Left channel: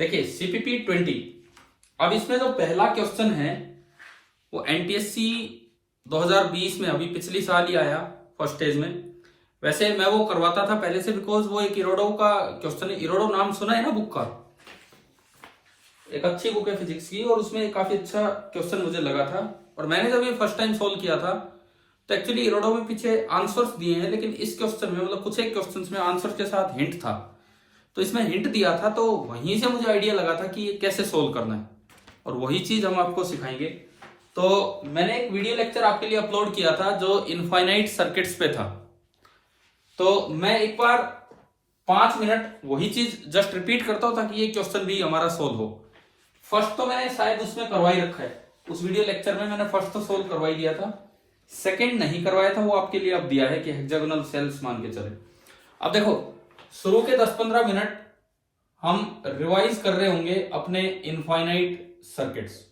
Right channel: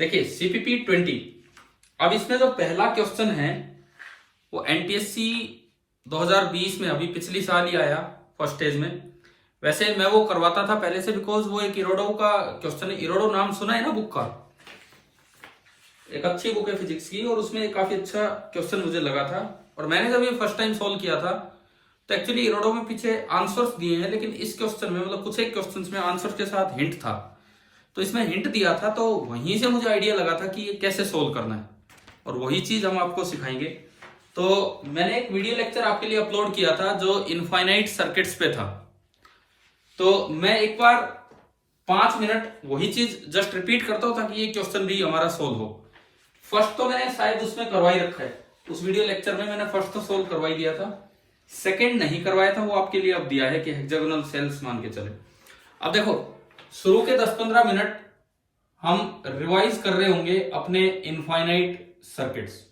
देखिए सीपीपी 20, अब इसमें जो पहला क्वेश्चन है वो एनटीएससी 2020 में अभी पिछली साल ही आया फर्स्ट स्टेज में। वैसे मैं वो करवाता था पहले से, बिकॉज वो एक इरोडो का क्वेश्चन है। इरोडो नाम सुना है ना बुक का? एक अच्छी बुक है फिजिक्स की, और उसमें काफी अच्छा क्वेश्चन मुझे लगा था। और मैंने जब ये फर्स्ट टाइम सोल्व किया था तो एक्चुअली इरोडो में पीछे आंसर्स दिए हैं, लेकिन इस क्वेश्चन में मतलब कुछ एक क्वेश्चंस में आंसर के साथ हिंट था। तो इसमें हिंट दिया था, तो वहीं से मुझे आइडिया लगा था कि ये कैसे सोल्व करना है, और वही चीज हम आपको सिखाएंगे। तो मैंने एक वीडियो लेक्चर आपके लिए अपलोड किया था जो इनफाइनाइट सर्किट्स पे था। तो मैं एक बार 5 मिनट वही चीज जस्ट रिपीट करता हूं ताकि ये क्वेश्चन भी हमारा सोल्व हो। फर्स्ट तो मैंने शायद उसमें करवाई रखा है, उस वीडियो लेक्चर में मैंने फर्स्ट तो सोल्व करवाई दिया था। सेकंड नहीं करवाया था, वो आपके लिए अब दिया है कि हेक्सागोनल सेल्स मान के चले। अब देखो शुरू के 10-15 मिनट हम रिवाइज कर रहे होंगे अपने इनफाइनाइट सर्किट्स।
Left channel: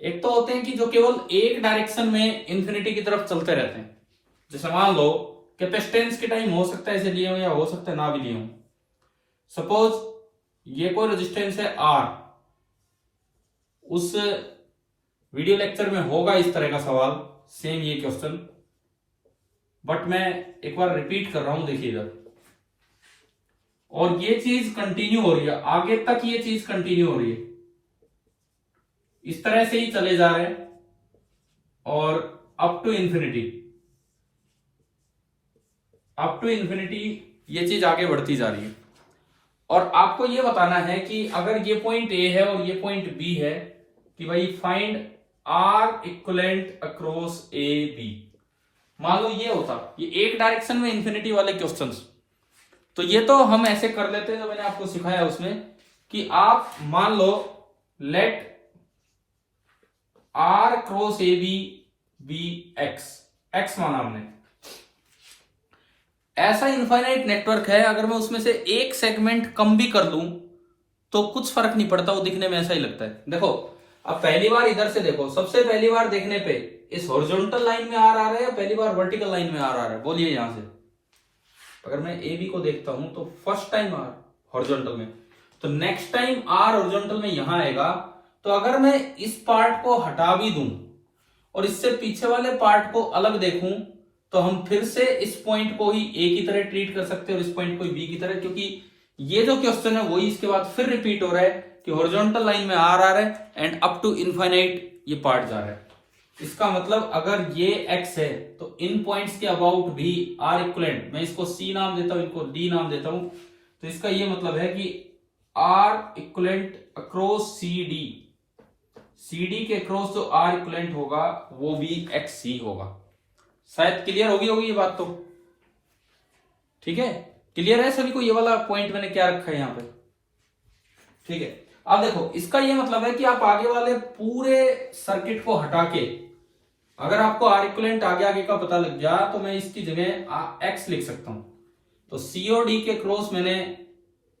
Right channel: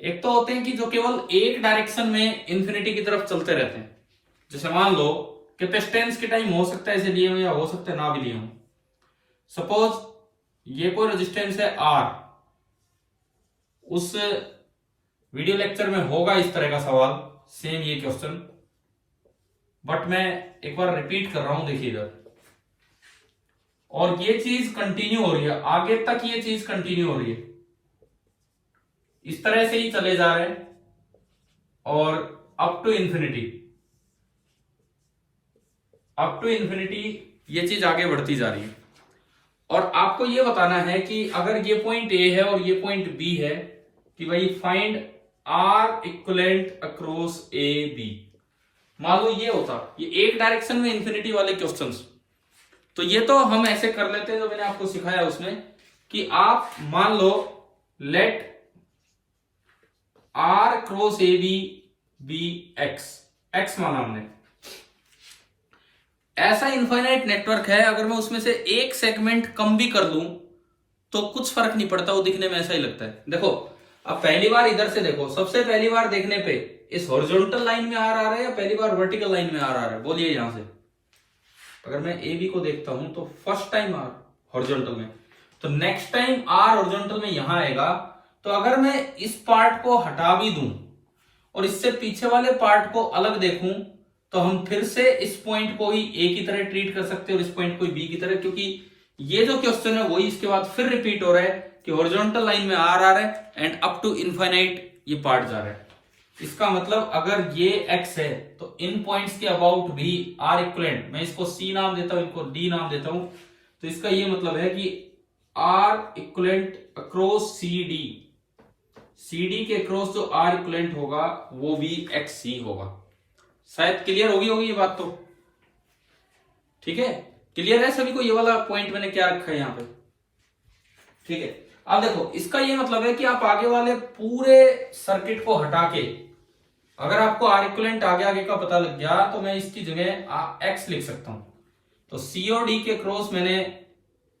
एक तो होते हैं कि जो केवल एक डायरेक्शन में इंफिनिटी की तरफ चलते रहते हैं। जैसे मान लो कैपेसिटेंस के टाइम हो सकता है इसे लिए हो या हो सकता है ना भी लिए हो। सपोज ये कोई रेजिस्टेंस है R, उस वीडियो लेक्चर में होगा इस तरह का सवाल, सेम ये क्वेश्चन, बट मैं एक बार रिपीट कर रहा हूं, देखिए इधर। और ये चीज कंटिन्यू हो रही है, आगे तक ये चीज कंटिन्यू हो रही है, इस तरह से ही चले जा रहे हैं और up to infinity, up to infinity ये चीज आगे बढ़ती जा रही है। और आपको ये बताना है कि अगर ये पॉइंट ए है और ये पॉइंट बी है, कि भाई find R equivalent across A B. मान लो ये होता, ये एक डायरेक्शन में इंफिनिटी वाले क्वेश्चंस, तो ये तो हम ऐसे कर लेते हैं जो मैंने आपको सिखाया उसमें, कि आप मान लो let R cross A B X, X माना हमने। ऐसा इनफाइनाइट नेटवर्क है, अगर मैं उसमें से एक सेगमेंट कम भी कर लूं तो कुछ फर्क नहीं पड़ता, वो दिखने में ऐसा ही लगता है। देखो अब पहली बार इधर से देखो, सबसे पहली बार देखने पे इस हॉरिजॉन्टल लाइन में आर आ रहा है या पहली बार वर्टिकल लाइन में आर आ रहा है? बोलिए यहां से। अगर मैं ए बी को देखता हूं तो फर्स्ट टाइम आर हॉरिजॉन्टल में, तो नेक्स्ट टाइम आर हॉरिजॉन्टल में यहां आएगा। तो अगर मैं इस पार्ट को हटा भी दूं और इससे पीछे वाले पार्ट को अलग देखूं, तो हम फिर से इस पॉइंट को ही ए की तरह ट्रीट कर सकते हैं और इस पॉइंट को ही बी की तरह, क्योंकि ये जो क्वेश्चन है वही इसके बाद फिर रिपीट हो रहा है कि हॉरिजॉन्टल लाइन में आर आ रहा है एंड अप टू इनफाइनाइट ये पार्ट जा रहा है। इसका मतलब अगर ये x है तो इन पॉइंट्स के अबाउट भी आर इक्विवेलेंट, मैं इसको C नाम देता हूं, इनको D नाम देता हूं, तो इसका ये मतलब है कि आर इक्विवेलेंट अक्रॉस CD के अक्रॉस जो आर इक्विवेलेंट होगा वो भी XC होगा। शायद क्लियर होगी ये बात तो? ठीक है, क्लियर है सभी को? ये वाला पॉइंट मैंने क्या रखा है यहाँ पे, ठीक है। अब देखो इसका ये मतलब है कि आप आगे वाले पूरे सर्किट को हटा के, अगर आपको आर इक्विवेलेंट आगे का पता लग गया तो मैं इसकी जगह एक्स लिख सकता हूं। तो सी और डी के क्रॉस मैंने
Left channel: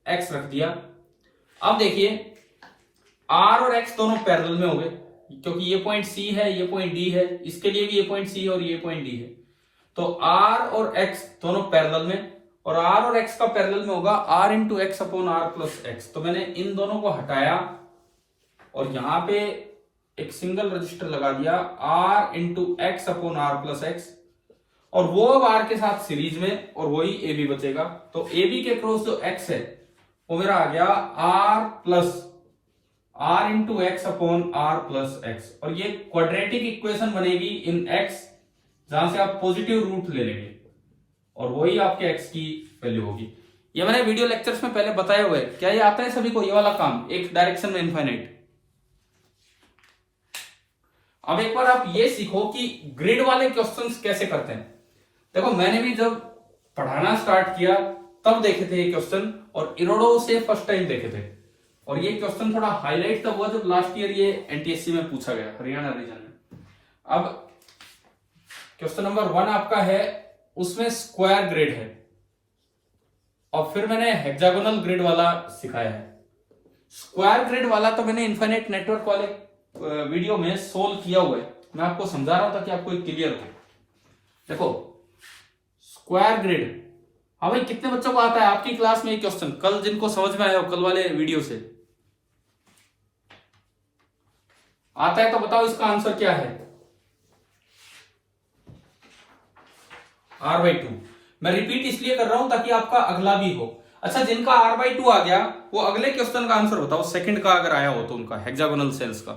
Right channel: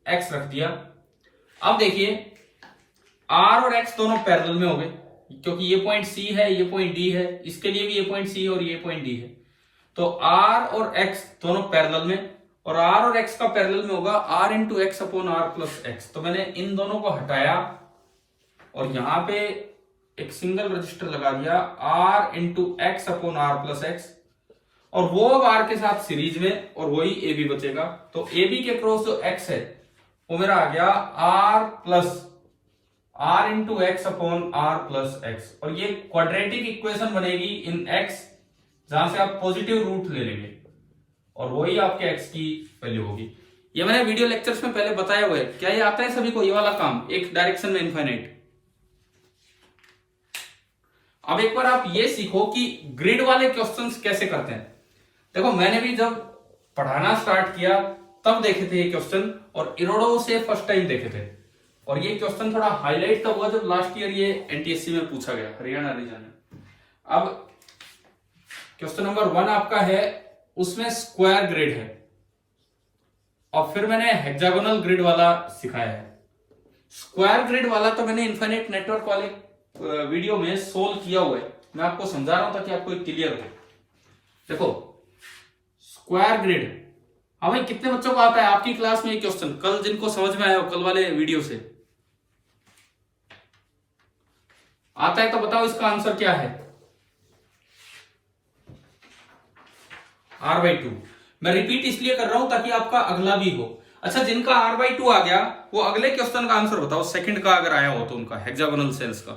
एक्स रख दिया। अब देखिए आर और एक्स दोनों पैरेलल में हो गए, क्योंकि ये पॉइंट सी है, ये पॉइंट डी है, इसके लिए भी ये पॉइंट सी और ये पॉइंट डी है। तो आर और एक्स दोनों पैरेलल में, और आर और एक्स का पैरेलल में होगा R into X upon R plus X. तो मैंने इन दोनों को हटाया और यहां पे एक सिंगल रजिस्टर लगा दिया, R into X upon R plus X, और वो अब आर के साथ सीरीज में, और वही ए बी बचेगा। तो ए बी के क्रॉस जो एक्स है वो मेरा आ गया R plus R into X upon R plus X, और ये क्वाड्रेटिक इक्वेशन बनेगी इन एक्स, जहां से आप पॉजिटिव रूट ले लेंगे और वही आपके एक्स की वैल्यू होगी। ये मैंने वीडियो लेक्चर्स में पहले बताया हुआ है। क्या ये आता है सभी को ये वाला काम, एक डायरेक्शन में इनफाइनाइट? अब एक बार आप ये सीखो कि ग्रिड वाले क्वेश्चंस कैसे करते हैं। देखो मैंने भी जब पढ़ाना स्टार्ट किया तब देखे थे ये क्वेश्चन, और इरोडो से फर्स्ट टाइम देखे थे। और ये क्वेश्चन थोड़ा हाईलाइट तब हुआ जब लास्ट ईयर ये एनटीएससी में पूछा गया, हरियाणा रीजन में। अब क्वेश्चन नंबर 1 आपका है, उसमें स्क्वायर ग्रिड है, और फिर मैंने हेक्सागोनल ग्रिड वाला सिखाया है। स्क्वायर ग्रिड वाला तो मैंने इनफाइनाइट नेटवर्क वाले वीडियो में सोल्व किया हुआ है, मैं आपको समझा रहा हूं ताकि आपको क्लियर हो। देखो स्क्वायर ग्रिड हाँ भाई, कितने बच्चों को आता है आपकी क्लास में ये क्वेश्चन? कल जिनको समझ में आया हो, कल वाले वीडियो से आता है तो बताओ इसका आंसर क्या है? r/2। मैं रिपीट इसलिए कर रहा हूं ताकि आपका अगला भी हो। अच्छा, जिनका r/2 आ गया वो अगले क्वेश्चन का आंसर बताओ, सेकंड का अगर आया हो तो उनका, हेक्सागोनल सेल्स का।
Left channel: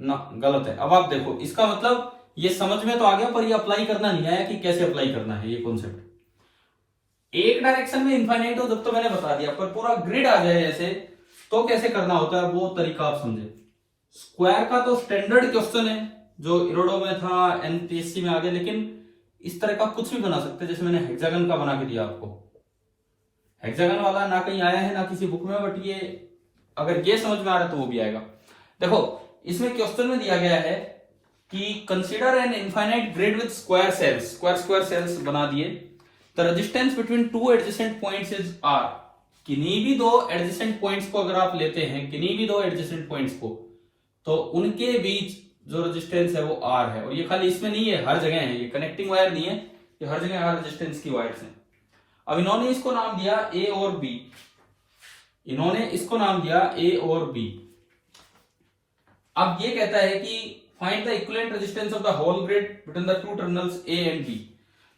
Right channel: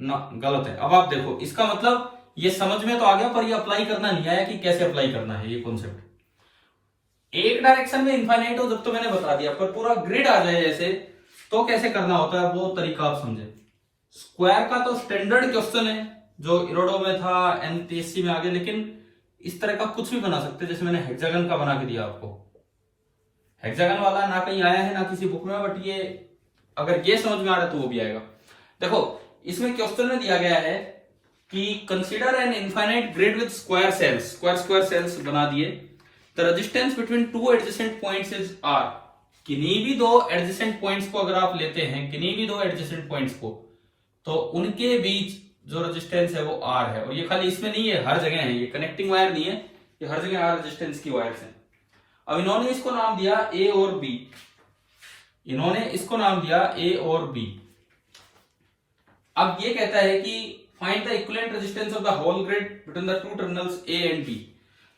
ना, गलत है। अब आप देखो, इसका मतलब ये समझ में तो आ गया पर ये अप्लाई करना नहीं आया कि कैसे अप्लाई करना है ये कॉन्सेप्ट। एक डायरेक्शन में इनफाइनाइट हो जब तो मैंने बता दिया, पर पूरा ग्रिड आ जाए ऐसे तो कैसे करना होता है वो तरीका आप समझे। स्क्वायर का तो स्टैंडर्ड क्वेश्चन है जो इरोडो में था, एनपीएससी में आ गया, लेकिन इस तरह का कुछ भी बना सकते हैं। जैसे मैंने हेक्सागन का बना के दिया आपको, हेक्सागन वाला ना कहीं आया है ना किसी बुक में, बट ये अगर ये समझ में आ रहा है तो वो भी आएगा। देखो, इसमें क्वेश्चन में दिया गया है कि consider an infinite grid with square cells, square cells बना दिए। The resistance between two adjacent points is R. किन्हीं भी दो एडजेसेंट पॉइंट्स को अगर आप लेते हैं, किन्हीं भी दो एडजेसेंट पॉइंट्स को, तो उनके बीच जो रेजिस्टेंस है वो आर है। और ये खाली इसमें नहीं है, हर जगह है, ये कनेक्टिंग वायर नहीं है, ये हर जगह आर रेजिस्टेंस की वायर्स हैं। अब इन्होंने इसको नाम दिया ए और बी, इन्होंने इसको नाम दिया ए और बी। अब ये कहता है कि find the equivalent resistance of the whole grid between the two terminals A and B.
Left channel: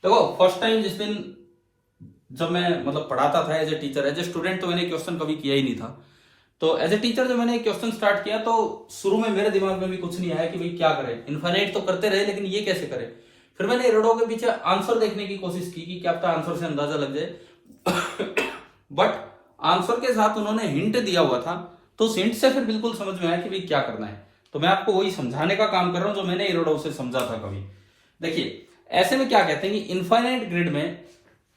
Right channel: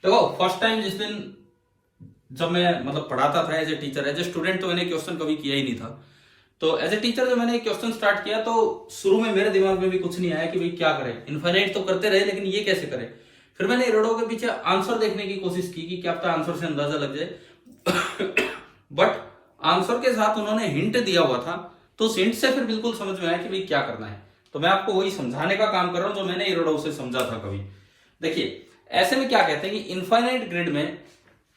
देखो, फर्स्ट टाइम जिस दिन जब मैं मतलब पढ़ाता था as a teacher, as a student तो मैंने क्वेश्चन कभी किया ही नहीं था। तो एज ए टीचर जब मैंने क्वेश्चन स्टार्ट किया तो शुरू में मेरे दिमाग में भी कुछ नहीं आया कि भाई क्या करें, इनफाइनाइट तो करते रहे लेकिन ये कैसे करें। फिर मैंने इरोडो के पीछे आंसर देखने की कोशिश की कि क्या पता आंसर से अंदाजा लग जाए बट आंसर के साथ उन्होंने हिंट दिया हुआ था, तो उस हिंट से फिर बिल्कुल समझ में आया कि भाई क्या करना है। तो मैं आपको वही समझाने का काम कर रहा हूं जो मैंने इरोडो से समझा था कभी। देखिए, ऐसे में क्या कहते हैं कि इनफाइनाइट ग्रिड में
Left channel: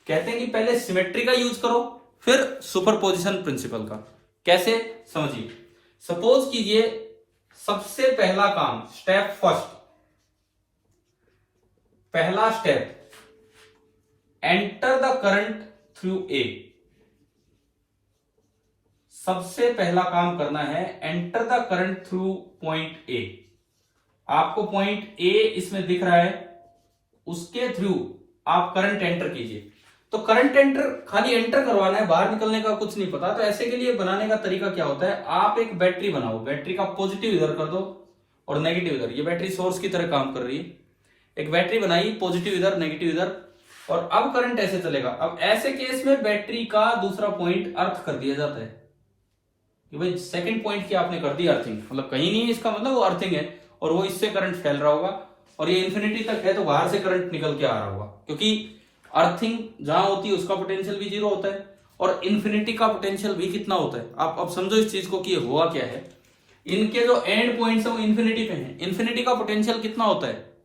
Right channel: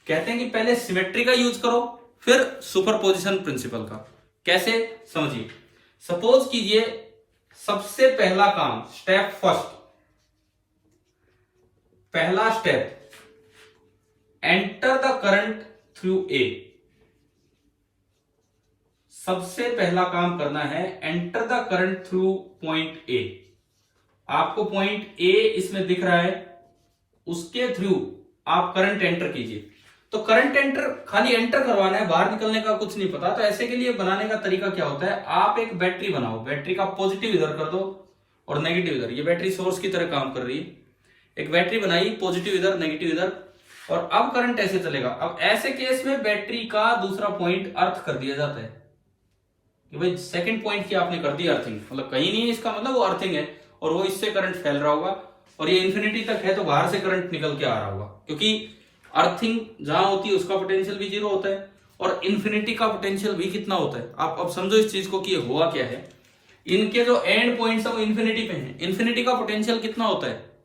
कहते हैं कि पहले सिमेट्री का यूज करो, फिर सुपरपोजिशन प्रिंसिपल का। कैसे, समझिए। सपोज कीजिए सबसे पहला काम, स्टेप फर्स्ट, पहला step, enter the current through a. सबसे पहला काम करना है enter the current through point A. आपको पॉइंट ए इसमें दिख रहा है, उसके थ्रू आप करंट एंटर कीजिए। तो करंट एंटर खाली एंटर करवाना है, बाहर निकलने का कुछ नहीं पता। तो ऐसे के लिए बनाने का तरीका क्या होता है, आप एक बैटरी बनाओ, बैटरी का पॉजिटिव इधर कर दो और नेगेटिव इधर। ये बैटरी सोर्स की तरह काम कर रही है। एक बैटरी बनाई, पॉजिटिव इधर नेगेटिव इधर, और अब करंट ऐसे चलेगा। अब ऐसे केस में बैटरी का दूसरा पॉइंट अर्थ कर दिया जाता है कि भाई सेकंड पॉइंट क्या आपने कर दिया अर्थिंग, मतलब कहीं नहीं, इसका मतलब वो अर्थिंग है और वो इससे करंट फैल रहा होगा। और ये इंफिनिटी तक है तो बाहर से करंट निकल के आ रहा होगा, क्योंकि अर्थिंग जहां होती है उसका पोटेंशियल भी जीरो होता है और इन्फिनिटी का पोटेंशियल भी कितना होता है। आप अब समझो इस चीज को कि ये हुआ क्या है। इनके जो एंड पॉइंट्स है वो इन्फिनिटी पे हैं। इन्फिनिटी का पोटेंशियल कितना होता है,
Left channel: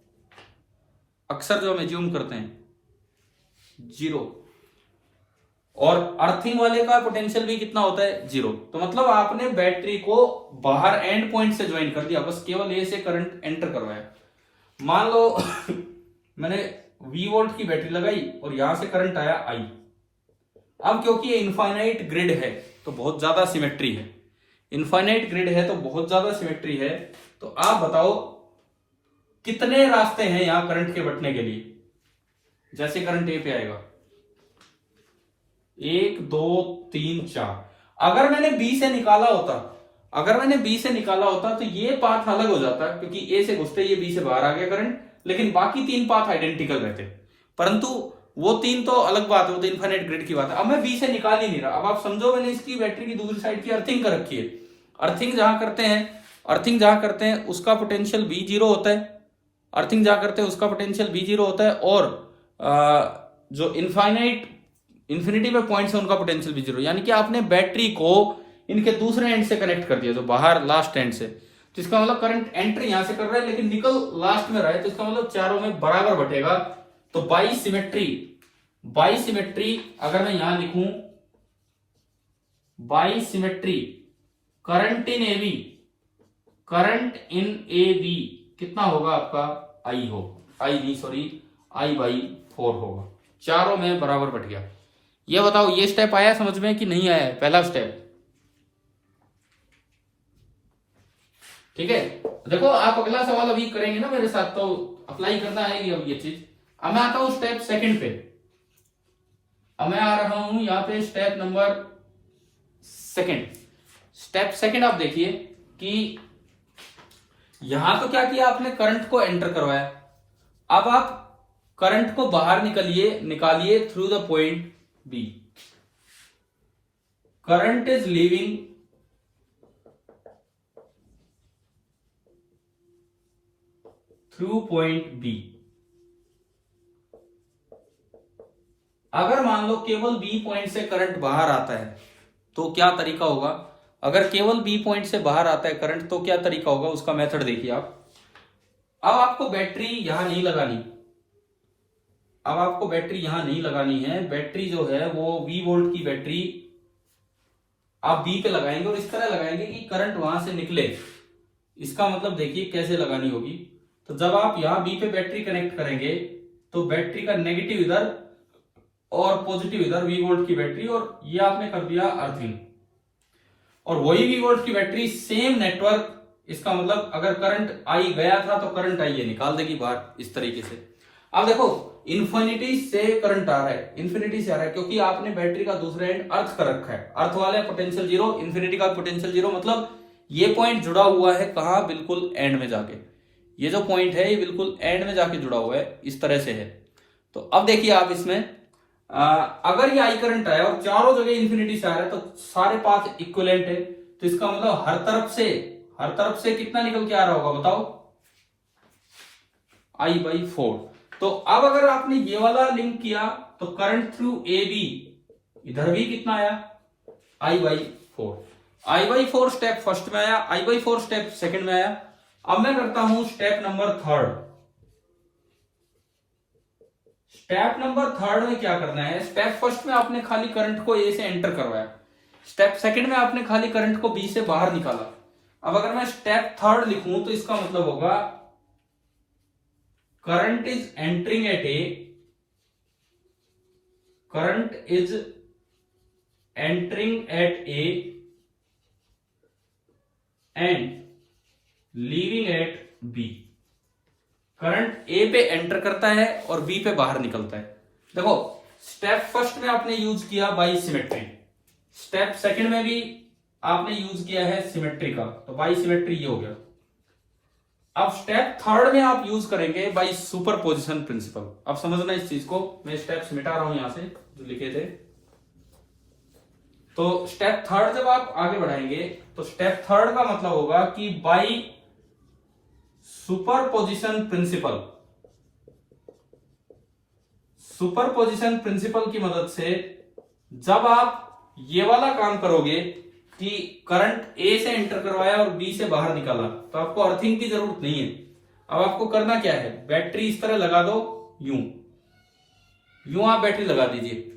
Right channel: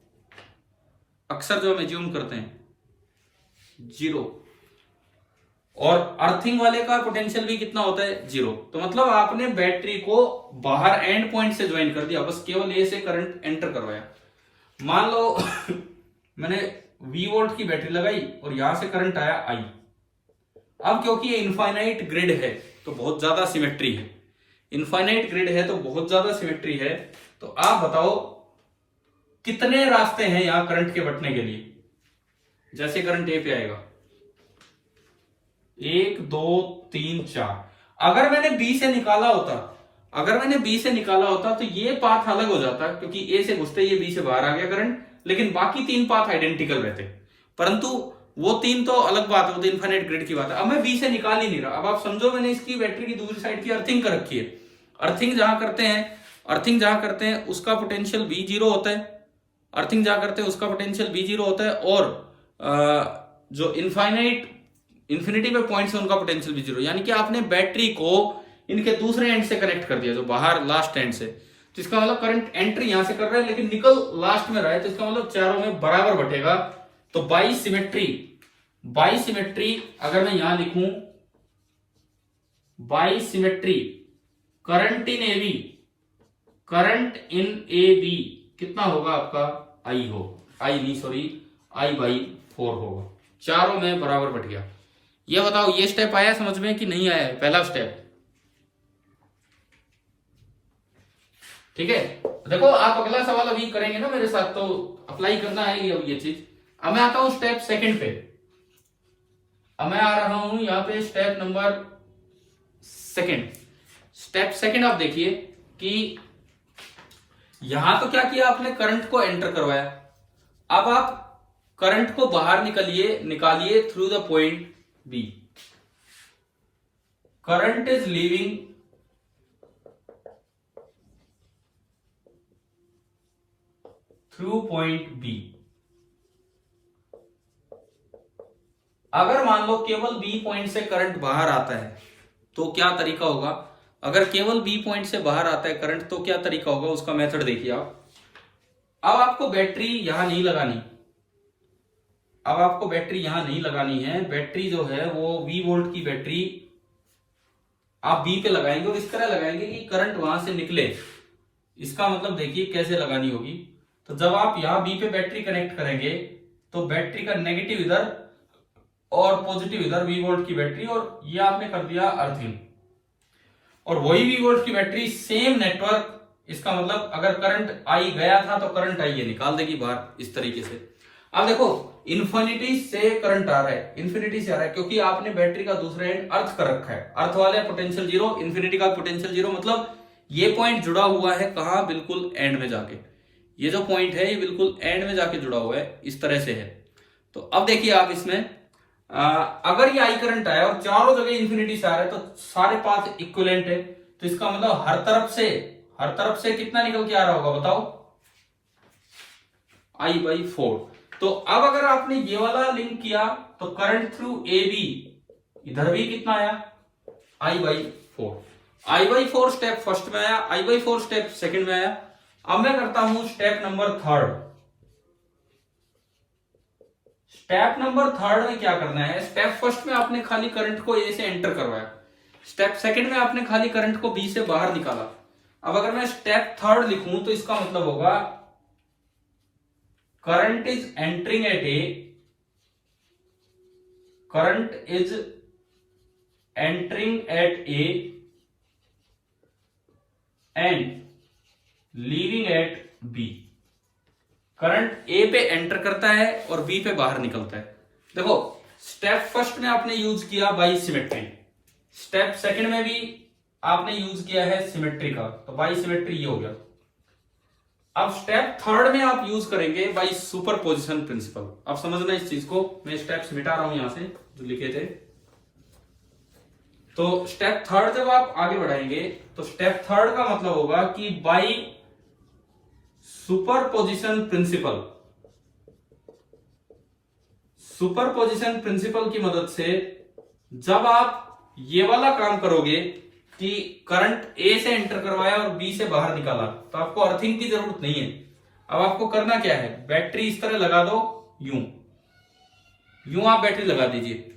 अक्सर जो हम एज्यूम करते हैं, जीरो। और अर्थिंग वाले का पोटेंशियल भी कितना होता है, जीरो। तो मतलब आपने बैटरी को बाहर एंड पॉइंट से ज्वाइन कर दिया, बस केवल ए से करंट एंटर करवाया। मान लो मैंने V वोल्ट की बैटरी लगाई और यहां से करंट आया I। अब क्योंकि ये इनफाइनाइट ग्रिड है तो बहुत ज्यादा सिमेट्री है, इनफाइनाइट ग्रिड है तो बहुत ज्यादा सिमेट्री है। तो आप बताओ कितने रास्ते हैं यहां करंट के बटने के लिए। जैसे करंट ए पे आएगा, 1 2 3 4। अगर मैंने बी से निकाला होता, अगर मैंने बी से निकाला होता तो ये पाथ अलग हो जाता, क्योंकि ए से घुसते ये बी से बाहर आ गया करंट, लेकिन बाकी 3 पाथ आइडेंटिकल रहते। परंतु वो 3 तो अलग बात है, वो तो इनफाइनाइट ग्रिड की बात है। अब मैं बी से निकाल ही नहीं रहा। अब आप समझो मैंने इसकी बैटरी की दूसरी साइड की अर्थिंग कर रखी है। अर्थिंग जहां करते हैं उसका पोटेंशियल भी जीरो होता है, अर्थिंग जहां करते हैं उसका पोटेंशियल भी जीरो होता है। और जो इन्फिनिटी पे पॉइंट्स है उनका पोटेंशियल भी जीरो। यानी कि आपने बैटरी को इनके दूसरे एंड से कनेक्ट कर दिया, जो बाहर लास्ट एंड से। तो इसका मतलब करंट एंट्री यहां से कर रहा है लेकिन निकल लास्ट में रहा है, तो इसका मतलब चारों में बराबर बटेगा। तो बाई सिमेट्री अगर मैं यहां लिखूं, by symmetry current in A B कितना होगा आपका, I बाई 4 होगा। चारों में बराबर बट गया। ये बताओ ये स्टेप आया समझ में कि नहीं आया है, पहला स्टेप। ठीक है, देखो आप अगला सवाल अभी करेंगे ना मेरे साथ, तो अप्लाई करना है अब ये चीज। अब मैं आता हूं स्टेप सेकंड पे। अब मैं आ रहा हूं यहाँ पे step number second. Step second आप देखिए कि यहां तो क्या किया आपने, करंट को एंटर करवाया। अब आप करंट को बाहर निकालिए through the point B. Current is leaving through point B. अगर मान लो केवल बी पॉइंट से करंट बाहर आता है तो क्या तरीका होगा। अगर केवल बी पॉइंट से बाहर आता है करंट तो क्या तरीका होगा, उसका मेथड देखिए आप। अब आपको बैटरी यहां नहीं लगानी, अब आपको बैटरी यहां नहीं लगानी है। बैटरी जो है वो 20 वोल्ट की बैटरी आप बी पे लगाएंगे और इस तरह लगाएंगे कि करंट वहां से निकले। इसका मतलब देखिए कैसे लगानी होगी। तो जब आप यहां बी पे बैटरी कनेक्ट करेंगे तो बैटरी का नेगेटिव इधर और पॉजिटिव इधर, 20 वोल्ट की बैटरी, और ये आपने कर दिया अर्थिंग। और वही 20 वोल्ट की बैटरी सेम नेटवर्क, इसका मतलब अगर करंट आई गया था तो करंट आई ये निकाल देगी बाहर इस तरीके से। अब देखो इन्फिनिटी से करंट आ रहा है, इन्फिनिटी से आ रहा है क्योंकि आपने बैटरी का दूसरा एंड अर्थ कर रखा है। अर्थ वाले पोटेंशियल जीरो, इन्फिनिटी का पोटेंशियल जीरो, मतलब ये पॉइंट जुड़ा हुआ है कहां, बिल्कुल एंड में जाके। ये जो पॉइंट है ये बिल्कुल एंड में जाके जुड़ा हुआ है, इस तरह से है। तो अब देखिए आप इसमें अगर ये आई करंट आया और चारों जगह इन्फिनिटी से आ रहा है तो सारे पाथ इक्विवेलेंट है। तो इसका मतलब हर तरफ से कितना निकल के आ रहा होगा बताओ, I/4। तो अब अगर आपने ये वाला लिंक किया तो करंट थ्रू ए बी इधर भी कितना आया, I/4। I/4 स्टेप फर्स्ट में आया, I/4 स्टेप सेकंड में आया। अब मैं करता हूं step number third. Step number third में क्या करना है, स्टेप फर्स्ट में आपने खाली करंट को ए से एंटर करवाया, स्टेप सेकंड में आपने खाली करंट को बी से बाहर निकाला। अब अगर मैं स्टेप थर्ड लिखूं तो इसका मतलब होगा current is entering at A, current is entering at A and leaving at B. Current A पे एंटर करता है और बी पे बाहर निकलता है। देखो स्टेप फर्स्ट में आपने यूज किया बाई सिमेट्री, स्टेप सेकंड में भी आपने यूज किया है सिमेट्री का, तो बाई सिमेट्री ये हो गया। अब स्टेप थर्ड में आप यूज करेंगे बाई सुपरपोजिशन प्रिंसिपल। अब समझना इस चीज को, मैं स्टेप्स मिटा रहा हूं यहां से जो लिखे थे। तो स्टेप थर्ड जब आप आगे बढ़ाएंगे तो स्टेप थर्ड का मतलब होगा कि by superposition principle, superposition principle की मदद से जब आप ये वाला काम करोगे कि करंट ए से एंटर करवाया और बी से बाहर निकाला तो आपको अर्थिंग की जरूरत नहीं है। अब आपको करना क्या है, बैटरी इस तरह लगा दो, यूं आप बैटरी लगा दीजिए।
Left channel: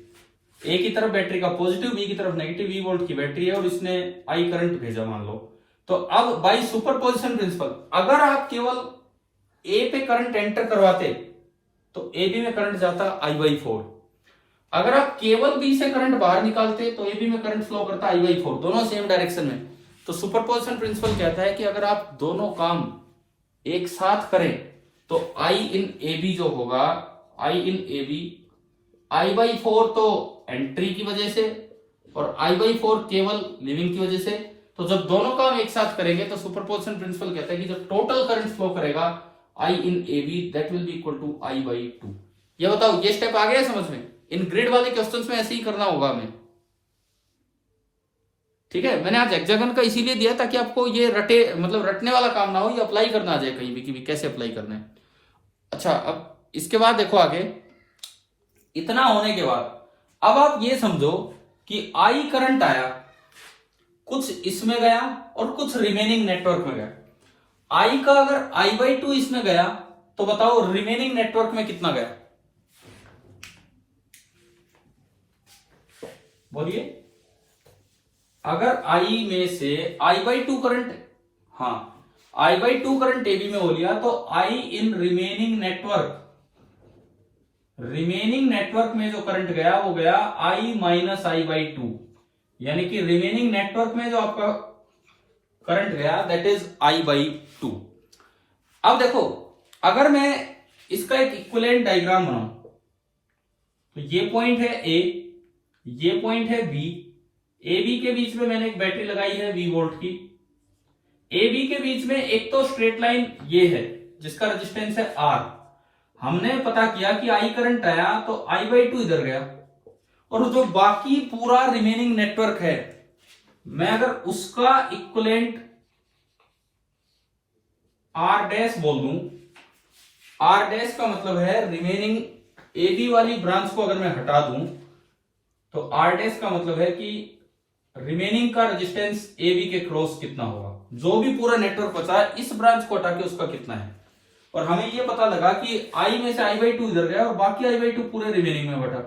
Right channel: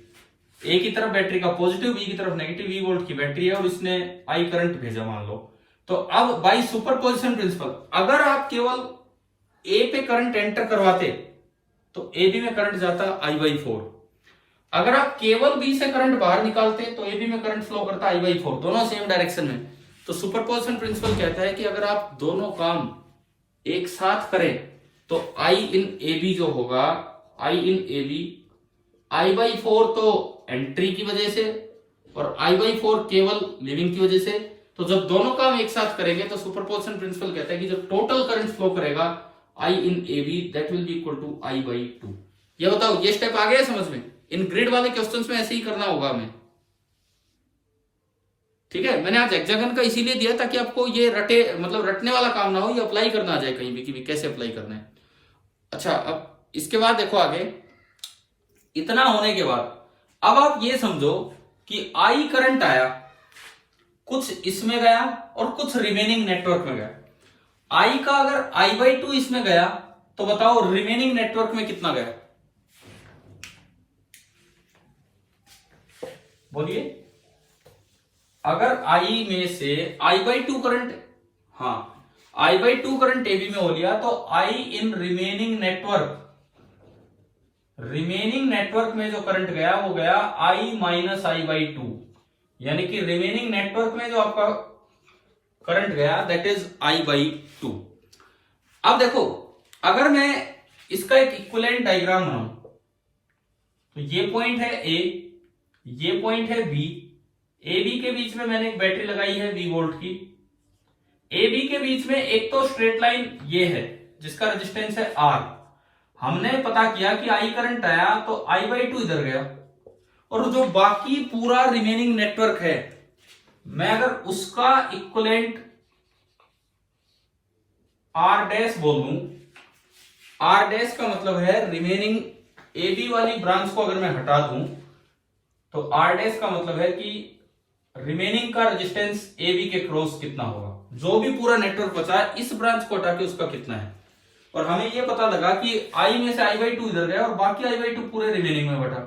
ए की तरफ बैटरी का पॉजिटिव, बी की तरफ नेगेटिव, 20 वोल्ट की बैटरी है और इसने आई करंट भेजा मान लो। तो अब बाई सुपरपोजिशन प्रिंसिपल अगर आप केवल ए पे करंट एंटर करवाते तो ए बी में करंट जाता I/4। अगर आप केवल बी से करंट बाहर निकालते तो ए बी में करंट फ्लो करता I/4, दोनों सेम डायरेक्शन में। तो सुपरपोजिशन प्रिंसिपल कहता है कि अगर आप दोनों काम एक साथ करें तो I in AB जो होगा, I in AB I/4 तो एंट्री की वजह से और I/4 केवल लीविंग की वजह से। तो जब दोनों काम एक साथ करेंगे तो सुपरपोजिशन प्रिंसिपल कहता है कि जो टोटल करंट फ्लो करेगा I in AB that will be equal to I/2। ये बताओ ये स्टेप आ गया समझ में। इन ग्रिड वाले क्वेश्चंस में ऐसे ही करना होगा हमें, ठीक है। मैंने आज हेक्सागन का इसीलिए दिया ताकि आपको ये रटने वाला काम ना हो, ये अप्लाई करना आ जाए कहीं भी कि कैसे अप्लाई करना है। अच्छा अब इसके बाद देखो आगे, इतना होने के बाद अब आप ये समझो कि आई करंट आया, कुछ इसमें गया और कुछ रिमेनिंग नेटवर्क में गया। आई का अगर I/2 इसमें गया तो बताओ रिमेनिंग नेटवर्क में कितना गया, बोलिए। अगर आई में से I/2 करंट, हाँ I/2 करंट एबी में हो लिया तो आई इन रिमेनिंग नेटवर्क में जो करंट गया वो गया I - I/2, यानी कि रिमेनिंग नेटवर्क में जो आपका करंट गया दैट इज I/2। अब देखो, अगर मैं इसका एक इक्विवेलेंट डायग्राम बनाऊं तो ये पॉइंट है ए, ये पॉइंट है बी, ए बी के बीच में मैंने एक बैटरी लगाई है V वोल्ट की। ए बी के बीच में एक तो स्ट्रेट लाइन ये है जिसका रेजिस्टेंस है R। हमने पता किया कि I करंट आया तो I/2 इधर गया, और जो बाकी पूरा रिमेनिंग नेटवर्क है मैं अगर उसका इक्विवेलेंट R डैश बोल दूं, R डैश का मतलब है रिमेनिंग ए बी वाली ब्रांच को अगर मैं हटा दूं तो R डैश का मतलब है कि रिमेनिंग का रेजिस्टेंस ए बी के क्रॉस कितना होगा, जो भी पूरा नेटवर्क बचा है इस ब्रांच को हटा के उसका कितना है। और हमें ये पता लगा कि I में से I/2 इधर गया और बाकी I/2 पूरे रिमेनिंग में बटा।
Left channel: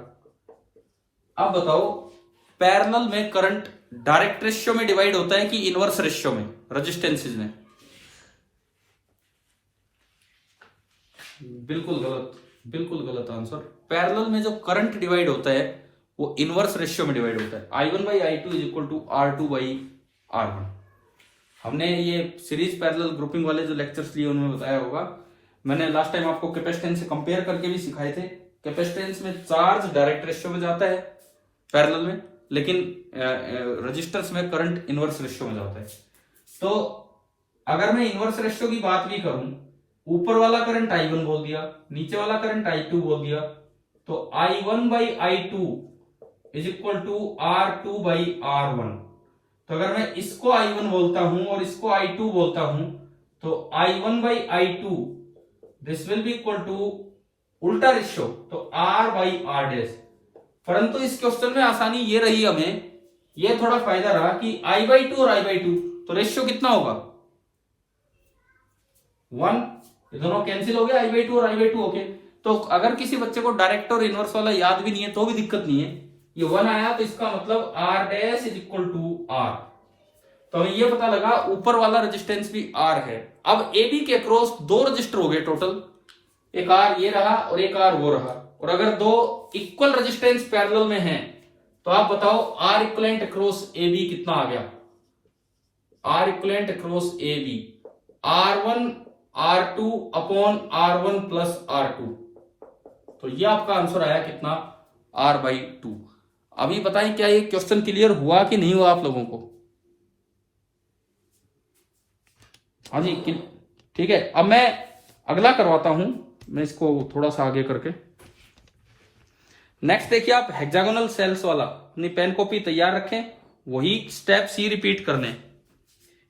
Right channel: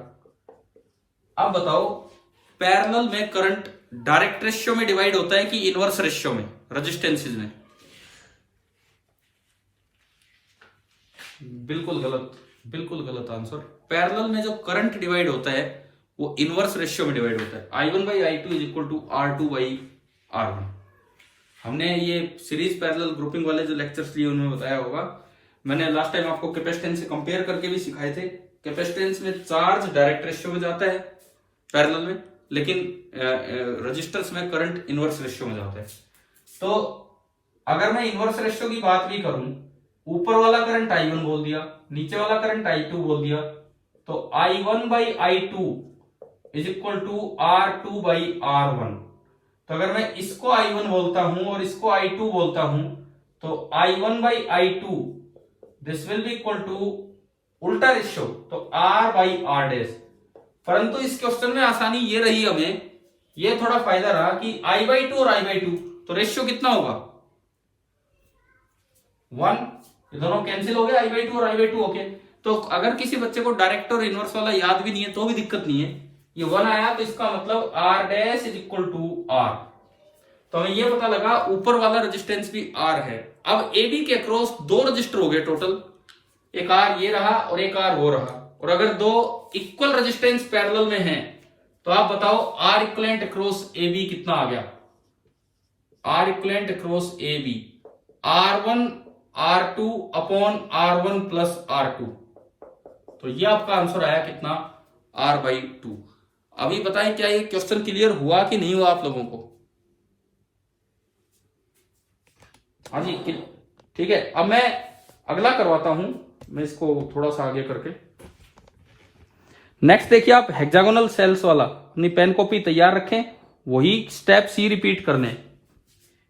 अब बताओ, पैरेलल में करंट डायरेक्ट रेशियो में डिवाइड होता है कि इनवर्स रेशियो में, रेजिस्टेंसेस में? बिल्कुल गलत, बिल्कुल गलत आंसर। पैरेलल में जो करंट डिवाइड होता है वो इनवर्स रेशियो में डिवाइड होता है। I1/I2 is equal to R2/R1। हमने ये सीरीज पैरेलल ग्रुपिंग वाले जो लेक्चर्स लिए उनमें बताया होगा। मैंने लास्ट टाइम आपको कैपेसिटेंस से कंपेयर करके भी सिखाए थे। कैपेसिटेंस में चार्ज डायरेक्ट रेशियो में जाता है पैरेलल में, लेकिन रजिस्टर्स में करंट इनवर्स रेशियो में जाता है। तो अगर मैं इनवर्स रेशियो की बात भी करूं, ऊपर वाला करंट I1 बोल दिया, नीचे वाला करंट I2 बोल दिया, तो I1/I2 is equal to R2/R1। तो अगर मैं इसको I1 बोलता हूं और इसको I2 बोलता हूं तो I1/I2 this will be equal to उल्टा रेशियो, तो R/R डैश। परंतु इस क्वेश्चन में आसानी ये रही, हमें ये थोड़ा फायदा रहा कि I/2 और I/2 तो रेशियो कितना होगा 1, ये दोनों कैंसिल हो गया, I/2 और I/2 ओके। तो अगर किसी बच्चे को डायरेक्ट और इनवर्स वाला याद भी नहीं है तो भी दिक्कत नहीं है, ये 1 आया तो इसका मतलब R dash is equal to R। तो हमें ये पता लगा ऊपर वाला रेजिस्टेंस भी R है। अब AB के अक्रॉस दो रजिस्टर हो गए टोटल, एक R ये रहा और एक R वो रहा। और अगर दो इक्वल रेजिस्टेंस पैरेलल में हैं तो आप बताओ R इक्विवेलेंट अक्रॉस AB कितना आ गया? R equivalent across AB R1 R2 upon R1 plus R2। तो ये आपका आंसर आया कितना? R/2। अभी बताएं क्या ये क्वेश्चन क्लियर हुआ कि नहीं हुआ आप लोगों को? हाँ जी, ठीक है। अब मैं अगला करवाता हूं, मैं इसको थोड़ा सा आगे करके। नेक्स्ट देखिए आप, हेक्सागोनल सेल्स वाला अपनी पेन कॉपी तैयार रखें, वही स्टेप सी रिपीट करने।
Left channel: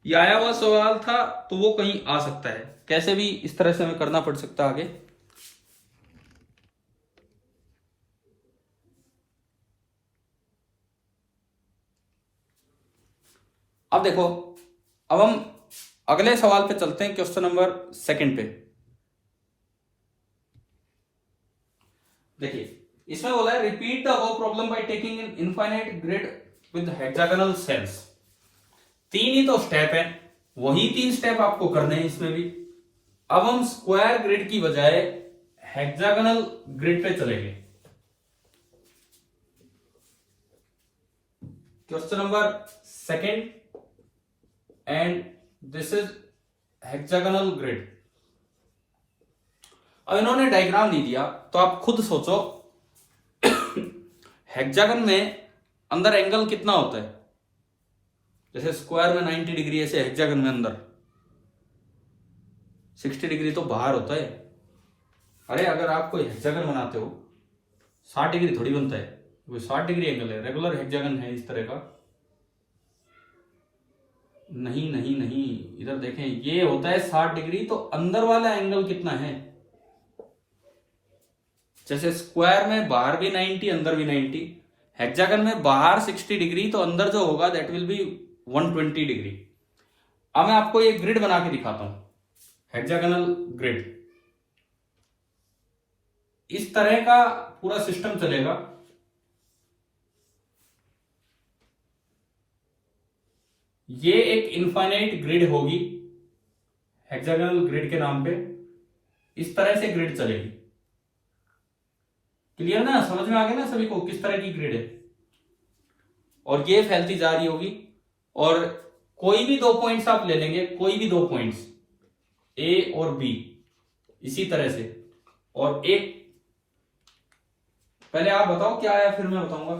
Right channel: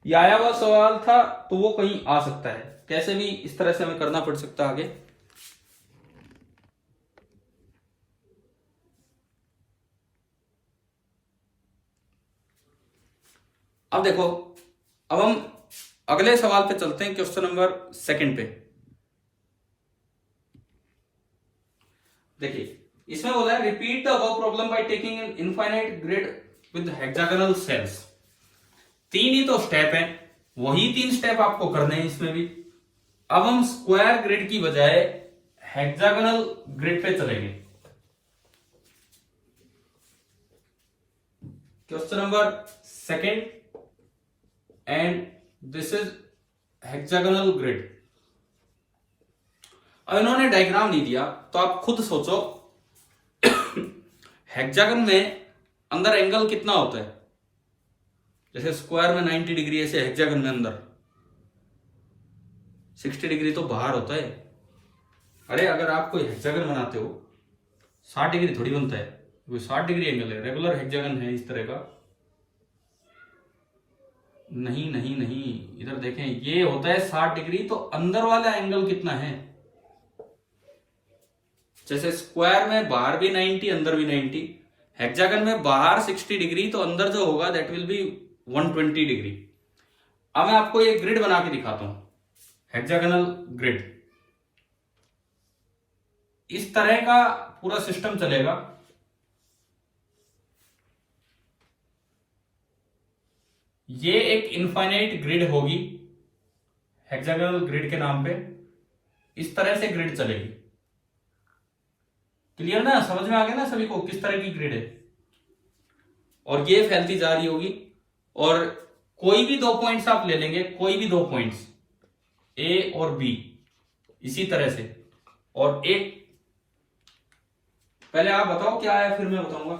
ये आया हुआ सवाल था तो वो कहीं आ सकता है, कैसे भी इस तरह से हमें करना पड़ सकता है आगे। अब देखो, अब हम अगले सवाल पे चलते हैं, क्वेश्चन नंबर 2 पे। देखिए इसमें बोला है repeat the above problem by taking an infinite grid with hexagonal cells. 3 ही तो स्टेप है, वही 3 स्टेप आपको करने हैं इसमें भी। अब हम स्क्वायर ग्रिड की बजाय हेक्सागोनल ग्रिड पे चलेंगे। Question number 2 and this is hexagonal grid. अब इन्होंने डायग्राम नहीं दिया तो आप खुद सोचो हेक्सागन में अंदर एंगल कितना होता है? जैसे स्क्वायर में 90 डिग्री, ऐसे हेक्सागन में अंदर 60 डिग्री तो बाहर होता है। अरे अगर आप कोई हेक्सागन बनाते हो 60 डिग्री थोड़ी बनता है, कोई 60 डिग्री एंगल है, रेगुलर हेक्सागन है इस तरह का। नहीं नहीं नहीं, इधर देखें, ये होता है 60 डिग्री, तो अंदर वाला एंगल कितना है? जैसे स्क्वायर में बाहर भी 90 अंदर भी 90, हेक्सागन में बाहर 60 डिग्री तो अंदर जो होगा दैट विल बी 120 डिग्री। अब मैं आपको ये ग्रिड बना के दिखाता हूं, हेक्सागोनल ग्रिड। इस तरह का पूरा सिस्टम चलेगा। ये एक इनफाइनाइट ग्रिड होगी हेक्सागोनल ग्रिड के नाम पे, इस तरह से ग्रिड चलेगी। क्लियर ना, समझ में आ गया ना सभी को किस तरह की ग्रिड है? और ये फैलती जा रही होगी और कोई भी दो पॉइंट्स आप ले लेंगे, कोई भी दो पॉइंट्स ए और बी, इसी तरह से, और एक, पहले आप बताओ क्या आया फिर मैं बताऊंगा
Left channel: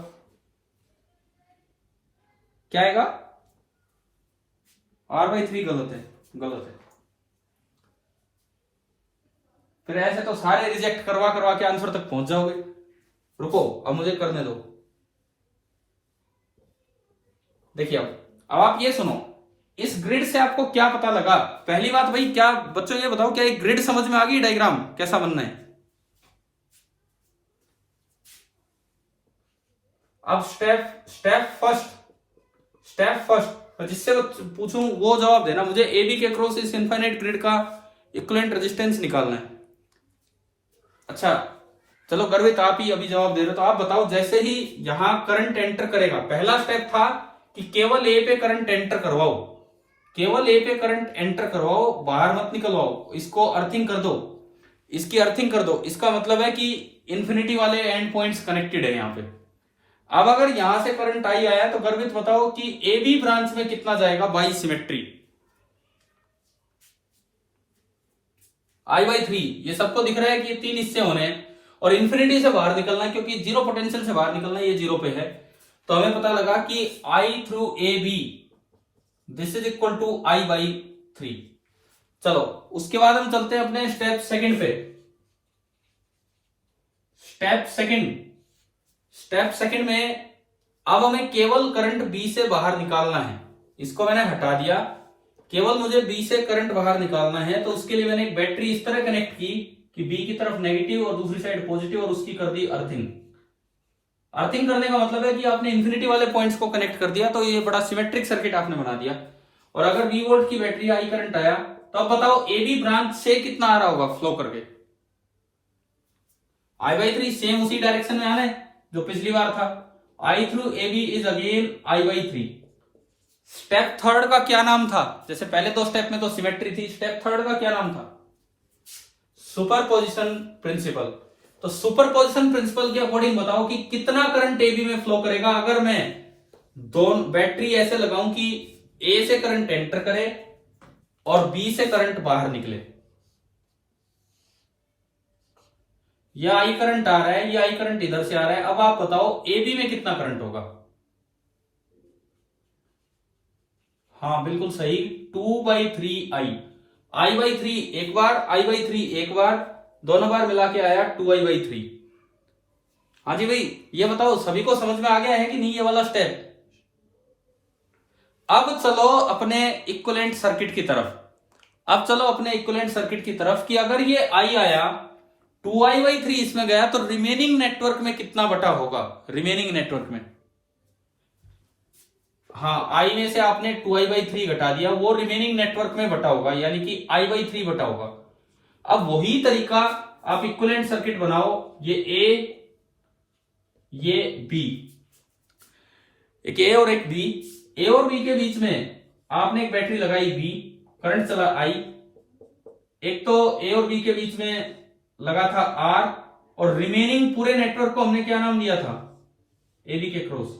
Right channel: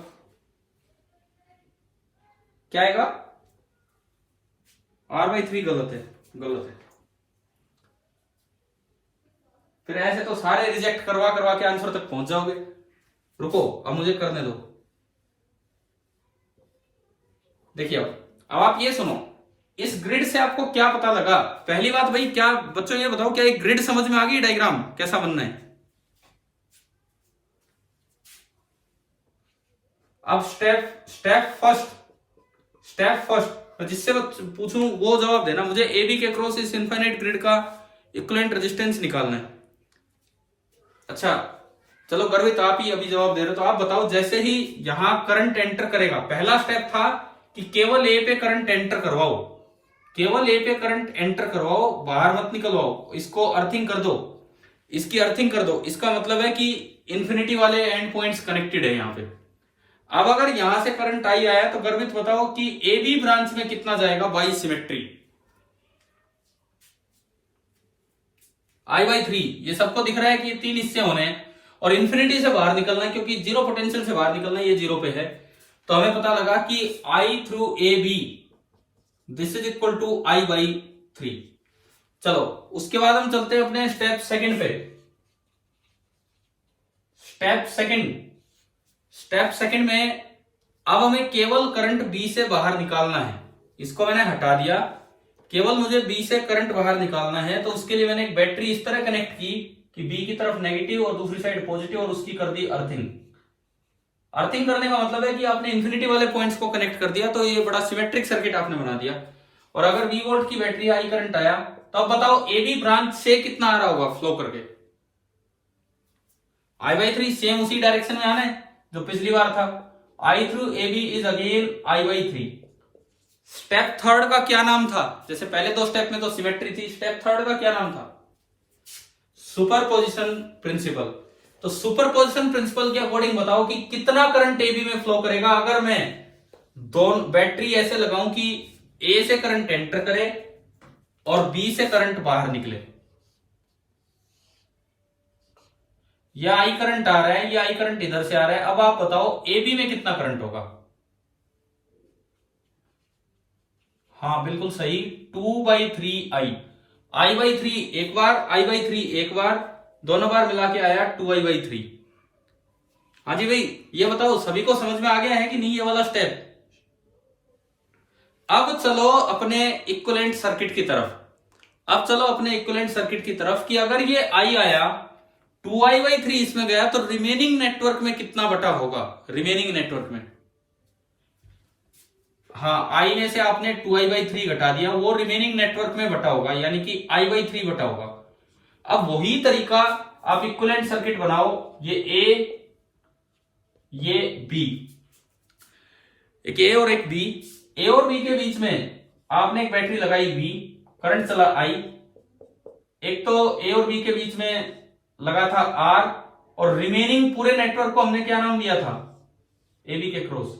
क्या आएगा। R/3 गलत है, गलत है। फिर ऐसे तो सारे रिजेक्ट करवा करवा के आंसर तक पहुंच जाओगे। रुको, अब मुझे करने दो। देखिए अब आप ये सुनो, इस ग्रिड से आपको क्या पता लगा। पहली बात भाई, क्या बच्चों ये बताओ, क्या एक ग्रिड समझ में आ गई, डायग्राम कैसा बनना है। अब स्टेप फर्स्ट जिससे पूछूं वो जवाब देना। मुझे ए बी के क्रॉस इस इनफाइनाइट ग्रिड का इक्विवेलेंट रेजिस्टेंस निकालना है। अच्छा चलो गर्वित, आप ही अभी जवाब दे रहे हो, तो आप बताओ, जैसे ही यहां करंट एंटर करेगा, पहला स्टेप था कि केवल ए पे करंट एंटर करवाओ, केवल ए पे करंट एंटर करवाओ, बाहर मत निकलवाओ, इसको अर्थिंग कर दो, इसकी अर्थिंग कर दो। इसका मतलब है कि इंफिनिटी वाले एंड पॉइंट्स कनेक्टेड है यहां पे। अब अगर यहां से करंट आई आया तो गर्वित बताओ कि ए बी ब्रांच में कितना जाएगा बाई सिमेट्री। I/3, ये सबको दिख रहा है कि ये 3 हिस्से होने हैं और इंफिनिटी से बाहर निकलना है, क्योंकि जीरो पोटेंशियल से बाहर निकलना है, ये जीरो पे है। तो हमें पता लगा कि I through A B this is equal to I/3। चलो उसके बाद हम चलते हैं अपने स्टेप सेकंड पे। स्टेप सेकंड में अब हमें केवल करंट बी से बाहर निकालना है। इसको मैंने हटा दिया, केवल मुझे बी से करंट बाहर निकालना है। तो उसके लिए मैंने एक बैटरी इस तरह कनेक्ट की कि बी की तरफ नेगेटिव और दूसरी साइड पॉजिटिव, और उसकी कर दी अर्थिंग। अर्थिंग करने का मतलब है कि आपने इंफिनिटी वाले पॉइंट्स को कनेक्ट कर दिया, तो ये बड़ा सिमेट्रिक सर्किट आपने बना दिया। और अगर 20 वोल्ट की बैटरी आई करंट आया, तो अब बताओ ए बी ब्रांच से कितना आ रहा होगा फ्लो करके। I/3 सेम उसी डायरेक्शन में आना है जो पिछली बार था। I through A B is again I/3। Step third का क्या नाम था, जैसे पहले दो स्टेप में तो सिमेट्री थी, स्टेप थर्ड का क्या नाम था, सुपरपोजिशन प्रिंसिपल। तो सुपरपोजिशन प्रिंसिपल के अकॉर्डिंग बताओ कि कितना करंट ए बी में फ्लो करेगा अगर मैं दोनों बैटरी ऐसे लगाऊं कि ए से करंट एंटर करे और बी से करंट बाहर निकले। या आई करंट आ रहा है, या आई करंट इधर से आ रहा है। अब आप बताओ ए बी में कितना करंट होगा। हाँ बिल्कुल सही, 2/3 I/3 एक बार, I/3 एक बार, दोनों बार मिला के आया 2I/3। हाँ जी भाई, ये बताओ सभी को समझ में आ गया है कि नहीं ये वाला स्टेप। अब चलो अपने इक्विवेलेंट सर्किट की तरफ। कि अगर ये आई आया, 2I/3 इसमें गया, तो रिमेनिंग नेटवर्क में कितना बटा होगा, रिमेनिंग नेटवर्क में। हाँ, आई में से आपने 2I/3 घटा दिया, वो रिमेनिंग नेटवर्क में बटा होगा, यानी कि I/3 बटा होगा। अब वही तरीका आप इक्विवेलेंट सर्किट बनाओ, ये ए, ये बी, एक ए और एक बी। ए और बी के बीच में आपने एक बैटरी लगाई बी, करंट चला आई। एक तो ए और बी के बीच में लगा था आर, और रिमेनिंग पूरे नेटवर्क को हमने क्या नाम दिया था, ए बी के क्रॉस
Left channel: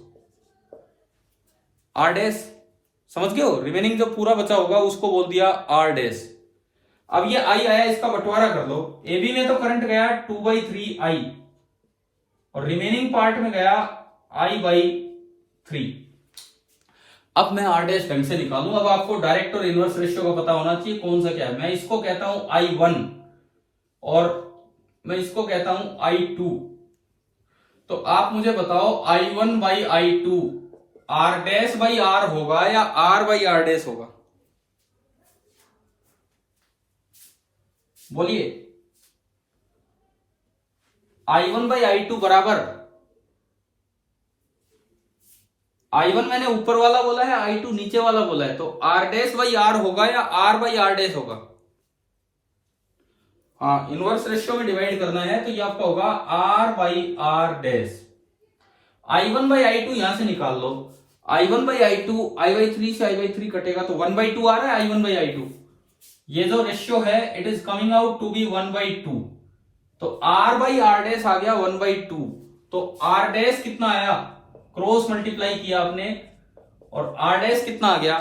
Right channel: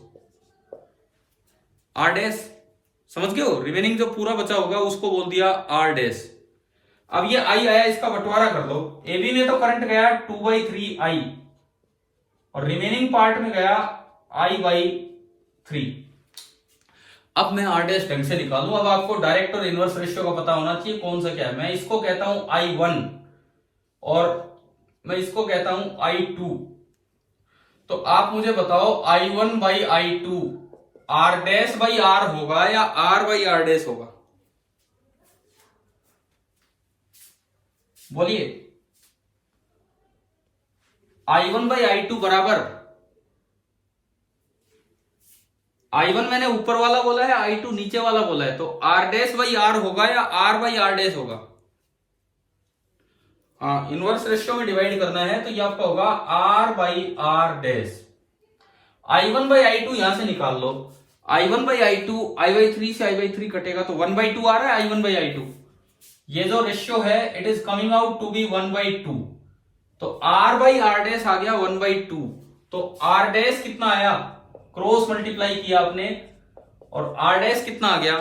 आर डैश। समझ गए हो, रिमेनिंग जो पूरा बचा होगा उसको बोल दिया आर डैश। अब ये आई आया, इसका बंटवारा कर लो। ए बी में तो करंट गया 2/3 और रिमेनिंग पार्ट में गया I/3। अब मैं आर डैश ढंग से निकालूं। अब आपको डायरेक्ट और इनवर्स रेशियो का पता होना चाहिए कौन सा क्या है। मैं इसको कहता हूं I1 और मैं इसको कहता हूं I2। तो आप मुझे बताओ I1/I2 are dash by are होगा या R/R डैश होगा, बोलिए। I1/I2 बराबर, I1 मैंने ऊपर वाला बोला है, I2 नीचे वाला बोला है, तो R डैश बाई आर होगा या R/R डैश होगा। हाँ, इनवर्स रेशियो में डिवाइड करना है तो ये आपका होगा R/R डैश। I1/I2 यहां से निकाल लो, I1/I2, I/3 से I/3 कटेगा तो 1/2 आ रहा है I1/I2। ये जो रेशियो है it is coming out to be 1/2। तो R/R डैश आ गया 1/2। तो R डैश कितना आया, क्रॉस मल्टीप्लाई किया आपने, और R डैश कितना आ गया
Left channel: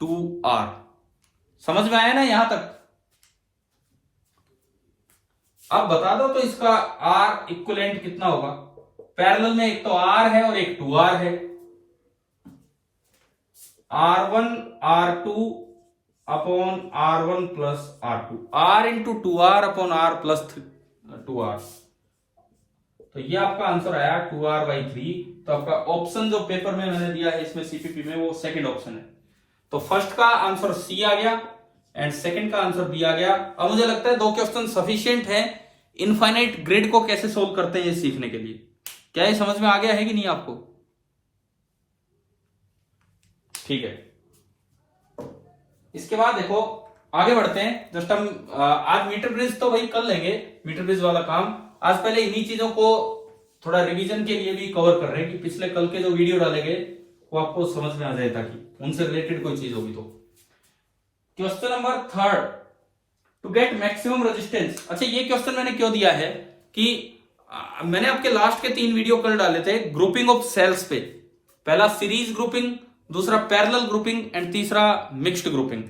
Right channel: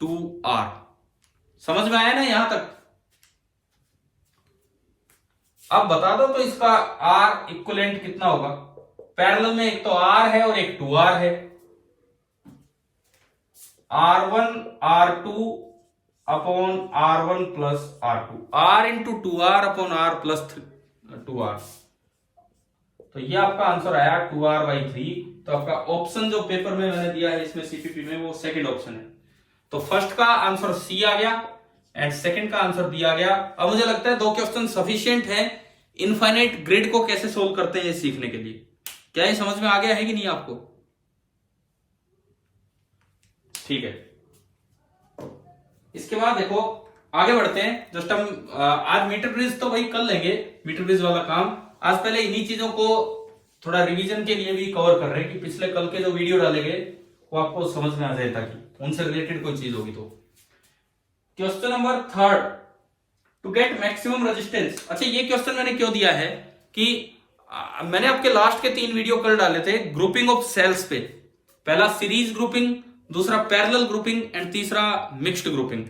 2R। समझ में आया ना यहां तक? अब बता दो तो इसका R इक्विवेलेंट कितना होगा। पैरेलल में एक तो R है और एक 2R है। R1 R2 upon R1 plus R2, R into 2R upon R plus 2R। तो ये आपका आंसर आया 2R/3। तो आपका ऑप्शन जो पेपर में मैंने दिया है इसमें सीपीपी में, वो सेकंड ऑप्शन है। तो फर्स्ट का आंसर सी आ गया एंड सेकंड का आंसर बी आ गया। अब मुझे लगता है 2 क्वेश्चन सफिशिएंट है इनफाइनाइट ग्रिड को कैसे सोल्व करते हैं सीखने के लिए। क्या ये समझ में आ गया है कि नहीं आपको? ठीक है, इसके बाद देखो आगे बढ़ते हैं। जस्ट हम आज मीटर ब्रिज तो वही कर लेंगे, मीटर ब्रिज वाला काम। आज पहले इन्हीं चीजों को थोड़ा रिवीजन के लिए भी कवर कर रहे हैं कि पिछले कल के जो वीडियो डालेंगे वो आपको समझ में आ जाए, ताकि उनसे रिलेटेड कोई चीज होगी तो। Question number 3, to get maximum resistance. अच्छा, ये क्वेश्चन मैंने क्यों दिया है कि मैंने आपके लास्ट के 3 वीडियो कल डाले थे ग्रुपिंग ऑफ सेल्स पे। पहला सीरीज ग्रुपिंग, दूसरा पैरेलल ग्रुपिंग एंड तीसरा मिक्स्ड ग्रुपिंग।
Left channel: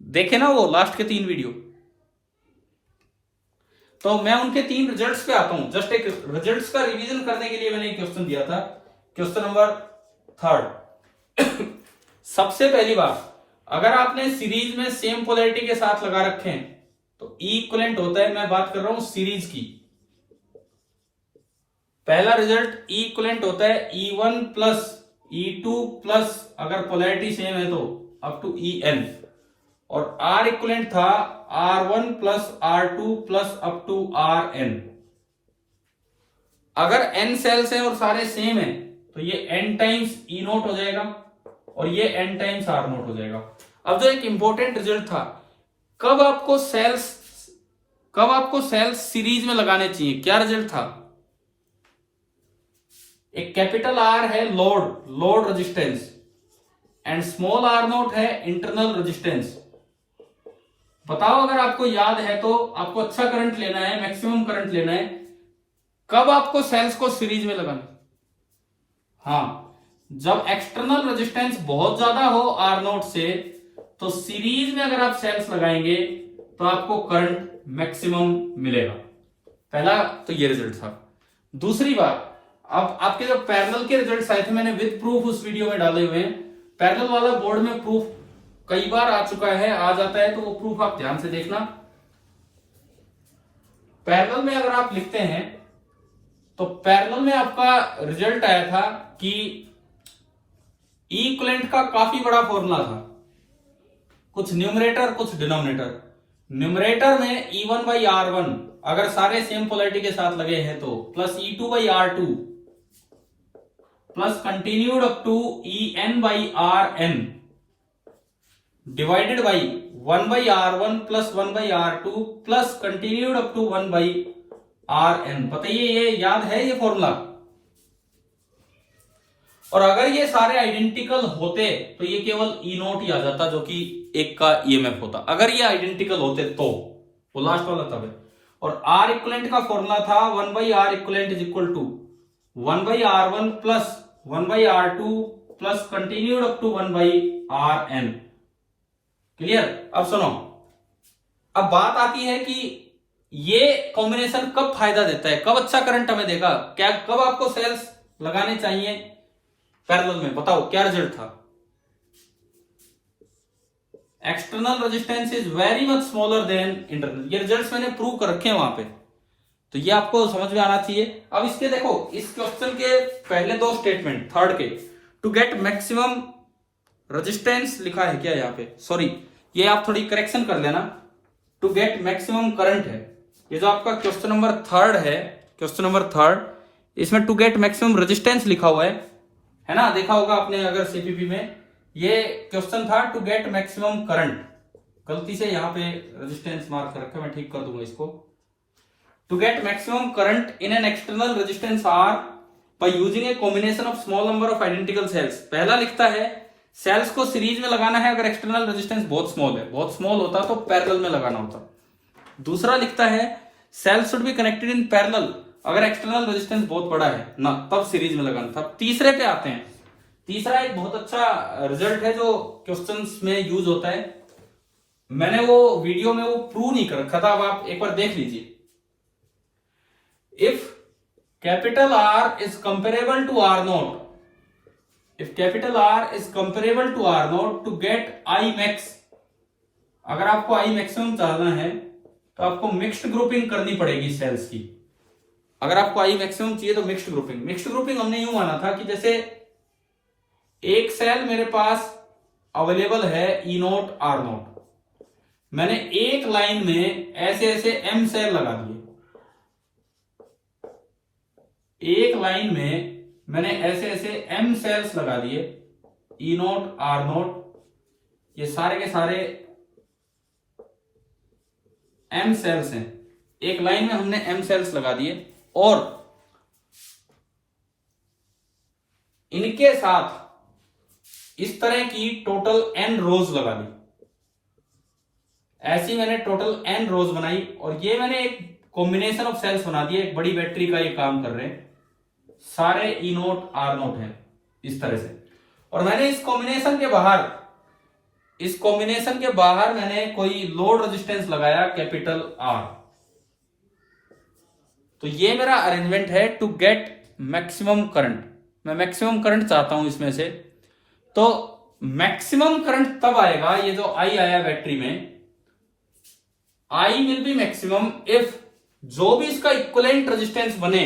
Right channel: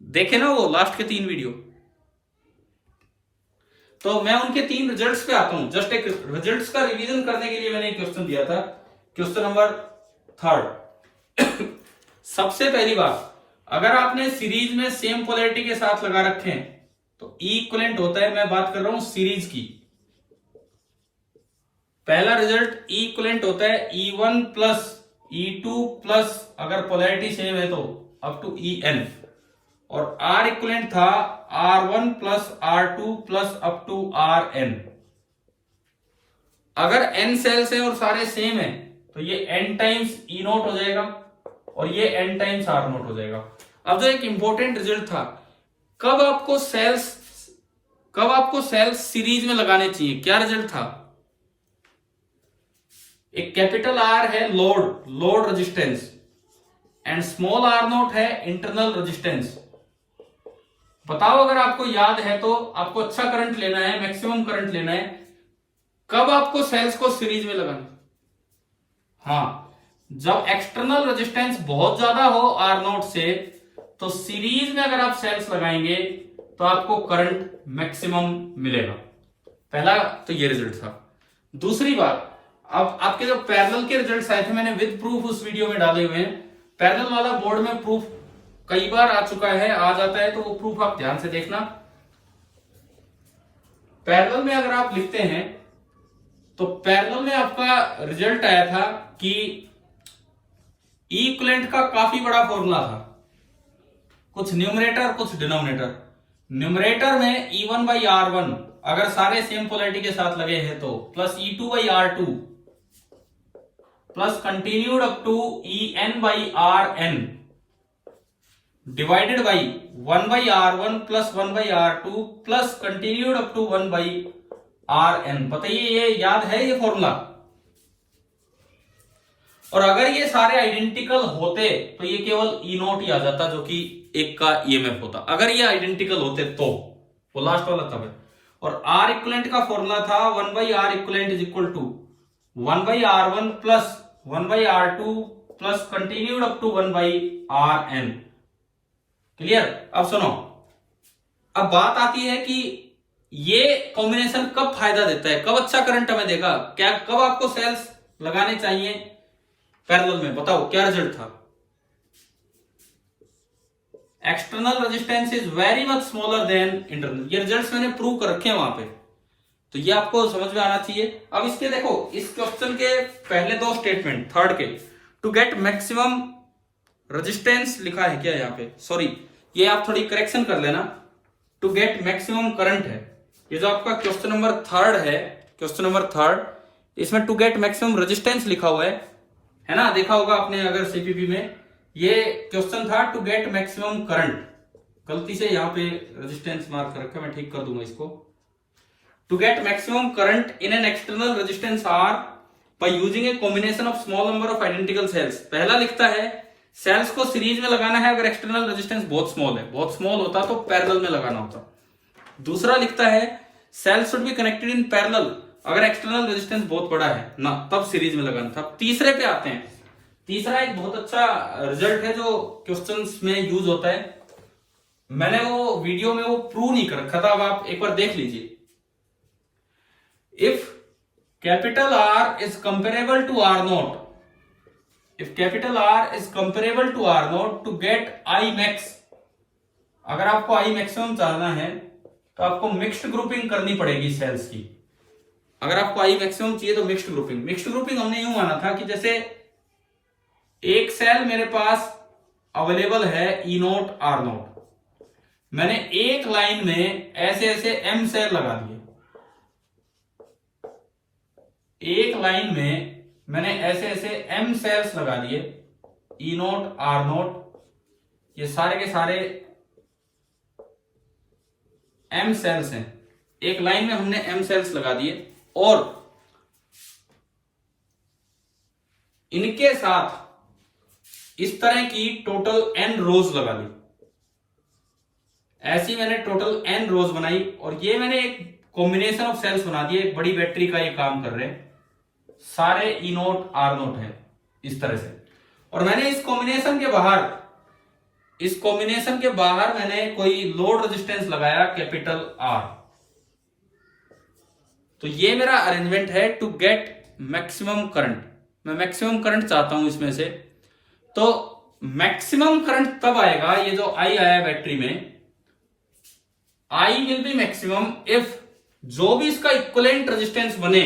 देखे ना वो लास्ट के 3 वीडियो? तो मैं उनके 3 रिजल्ट्स पे आता हूं। जस्ट एक रिजल्ट्स का रिवीजन करने के लिए मैंने एक क्वेश्चन दिया था। क्वेश्चन नंबर 3 सबसे पहली बात, अगर आपने सीरीज में सेम पोलैरिटी के साथ लगा रखे हैं तो ई इक्विवेलेंट होता है। मैं बात कर रहा हूं सीरीज की। पहला रिजल्ट ई इक्विवेलेंट होता है E1 प्लस E2 प्लस, अगर पोलैरिटी सेम है तो अप टू EN। और R इक्विवेलेंट था R1 plus R2 plus up to RN। अगर N सेल्स हैं और सारे सेम हैं तो ये N टाइम्स E0 हो जाएगा और ये N टाइम्स R0 हो जाएगा। अब जो एक इंपॉर्टेंट रिजल्ट था, कब आपको सेल्स सीरीज में लगाने चाहिए, क्या रिजल्ट था? एक कैपिटल R है load resistance and small R0 है इंटरनल रेजिस्टेंस। बताओ अगर आपको याद है तो, आपको अच्छा करंट लेना है, मैक्सिमम करंट लेना है, कब आपको सेल्स को सीरीज में लगाना? हाँ, जब एक्सटर्नल रेजिस्टेंस बहुत ज्यादा हो R0 से, तो सीरीज में अगर आप सेल्स लगाएंगे तो आपको करंट मैक्सिमम मिलेगा। पहला तो ये रिजल्ट था। दूसरी बात, अब आपके जो पैरेलल के रिजल्ट्स आए थे मैंने विद प्रूफ उस वीडियो में डाले हुए हैं। पैरेलल वाला बोर्ड में प्रूफ कई बार आ चुका है, आ जाता है, तो वो प्रूफ आप ध्यान से देखना। पैरेलल में अगर आप लिखते हैं तो पैरेलल में आपका रिजल्ट आया था कि ई इक्विवेलेंट का काफी बड़ा फॉर्मूला था, कुछ न्यूमरेटर कुछ डिनोमिनेटर। न्यूमरेटर में E1/R1 अगर सारे सेम पोलैरिटी के साथ लगे हैं तो, plus E2/R2 plus continued up to EN/RN divided by 1/R1 plus 1/R2 plus continued up to 1/RN। बताइए ये याद है ये फॉर्मूला? और अगर ये सारे आइडेंटिकल होते तो ये केवल E0 ही आ जाता, जो कि एक का EMF होता। अगर ये आइडेंटिकल होते तो, वो लास्ट वाला तब है। और R इक्विवेलेंट का फॉर्मूला था 1/R equivalent is equal to 1/R1 plus 1/R2 plus continued up to 1/RN। Clear? अब सुनो, अब बात आती है कि ये कॉम्बिनेशन कब फायदा देता है, कब अच्छा करंट हमें देगा, क्या कब आपको सेल्स लगाने चाहिए पैरेलल में? बताओ क्या रिजल्ट था? External resistance is very much smaller than internal. ये रिजल्ट्स मैंने प्रूव कर रखे हैं वहां पे, तो ये आपको समझ में आना चाहिए। अब इसके देखो, इस क्वेश्चन के पहले 2 स्टेटमेंट, थर्ड के, टू गेट मैक्सिमम रेजिस्टेंस लिखा है क्या यहाँ पे? सॉरी, ये आप थोड़ी करेक्शन कर लेना। टू गेट मैक्सिमम करंट है ये जो आपका क्वेश्चन नंबर 3 है। क्वेश्चन नंबर 3 इसमें टू गेट मैक्सिमम रेजिस्टेंस लिखा हुआ है ना? देखा होगा आपने अगर सीपीपी में। ये क्वेश्चन था टू गेट मैक्सिमम करंट। गलती से यहाँ पे रेजिस्टेंस मार्क कर रखा है, मैं ठीक कर दूंगा इसको। To get maximum current in an external resistance R by using a combination of small number of identical cells. पहला लिखता है सेल्स को सीरीज में लगाना है अगर एक्सटर्नल रेजिस्टेंस बहुत स्मॉल है, बहुत स्मॉल होता तो पैरेलल में लगाना होता। दूसरा लिखता है cells should be connected in parallel, अगर एक्सटर्नल रेजिस्टेंस बहुत बड़ा है ना तब सीरीज में लगाना था। तीसरे पे आते हैं, तीसरा एक बहुत अच्छा रिजल्ट है जो क्वेश्चंस में यूज होता है, मैंने वो वीडियो में वो प्रूव नहीं कर रखा था, अब आप एक बार देख लीजिए। If capital R is comparable to R naught, if capital R is comparable to R naught to get I max, अगर आपको आई मैक्सिमम चाहना है तो आपको मिक्स्ड ग्रुपिंग करनी पड़ेगी सेल्स की। अगर आपको आई मैक्सिमम चाहिए तो मिक्स्ड ग्रुपिंग, मिक्स्ड ग्रुपिंग हमने यूं माना था कि जैसे एक सेल मेरे पास अवेलेबल है ई नोट आर नोट, मैंने एक लाइन में ऐसे ऐसे एम सेल लगा दिए, एक लाइन में मैंने ऐसे ऐसे एम सेल्स लगा दिए, ई नोट आर नोट, ये सारे के सारे एम सेल्स हैं, एक लाइन में हमने एम सेल्स लगा दिए और इनके साथ इस तरह की टोटल एन रोज लगा दी। ऐसी मैंने टोटल एन रोज बनाई और ये मैंने एक कॉम्बिनेशन ऑफ सेल्स बना दिए, एक बड़ी बैटरी का ये काम कर रहे हैं, सारे ई नोट आर नोट है इस तरह से। और मैंने इस कॉम्बिनेशन के बाहर मैंने कोई लोड रेजिस्टेंस लगाया कैपिटल आर। तो ये मेरा अरेंजमेंट है टू गेट मैक्सिमम करंट, मैं मैक्सिमम करंट चाहता हूं इसमें से। तो मैक्सिमम करंट तब आएगा, ये जो आई आया बैटरी में, I will be maximum if जो भी इसका इक्विवेलेंट रेजिस्टेंस बने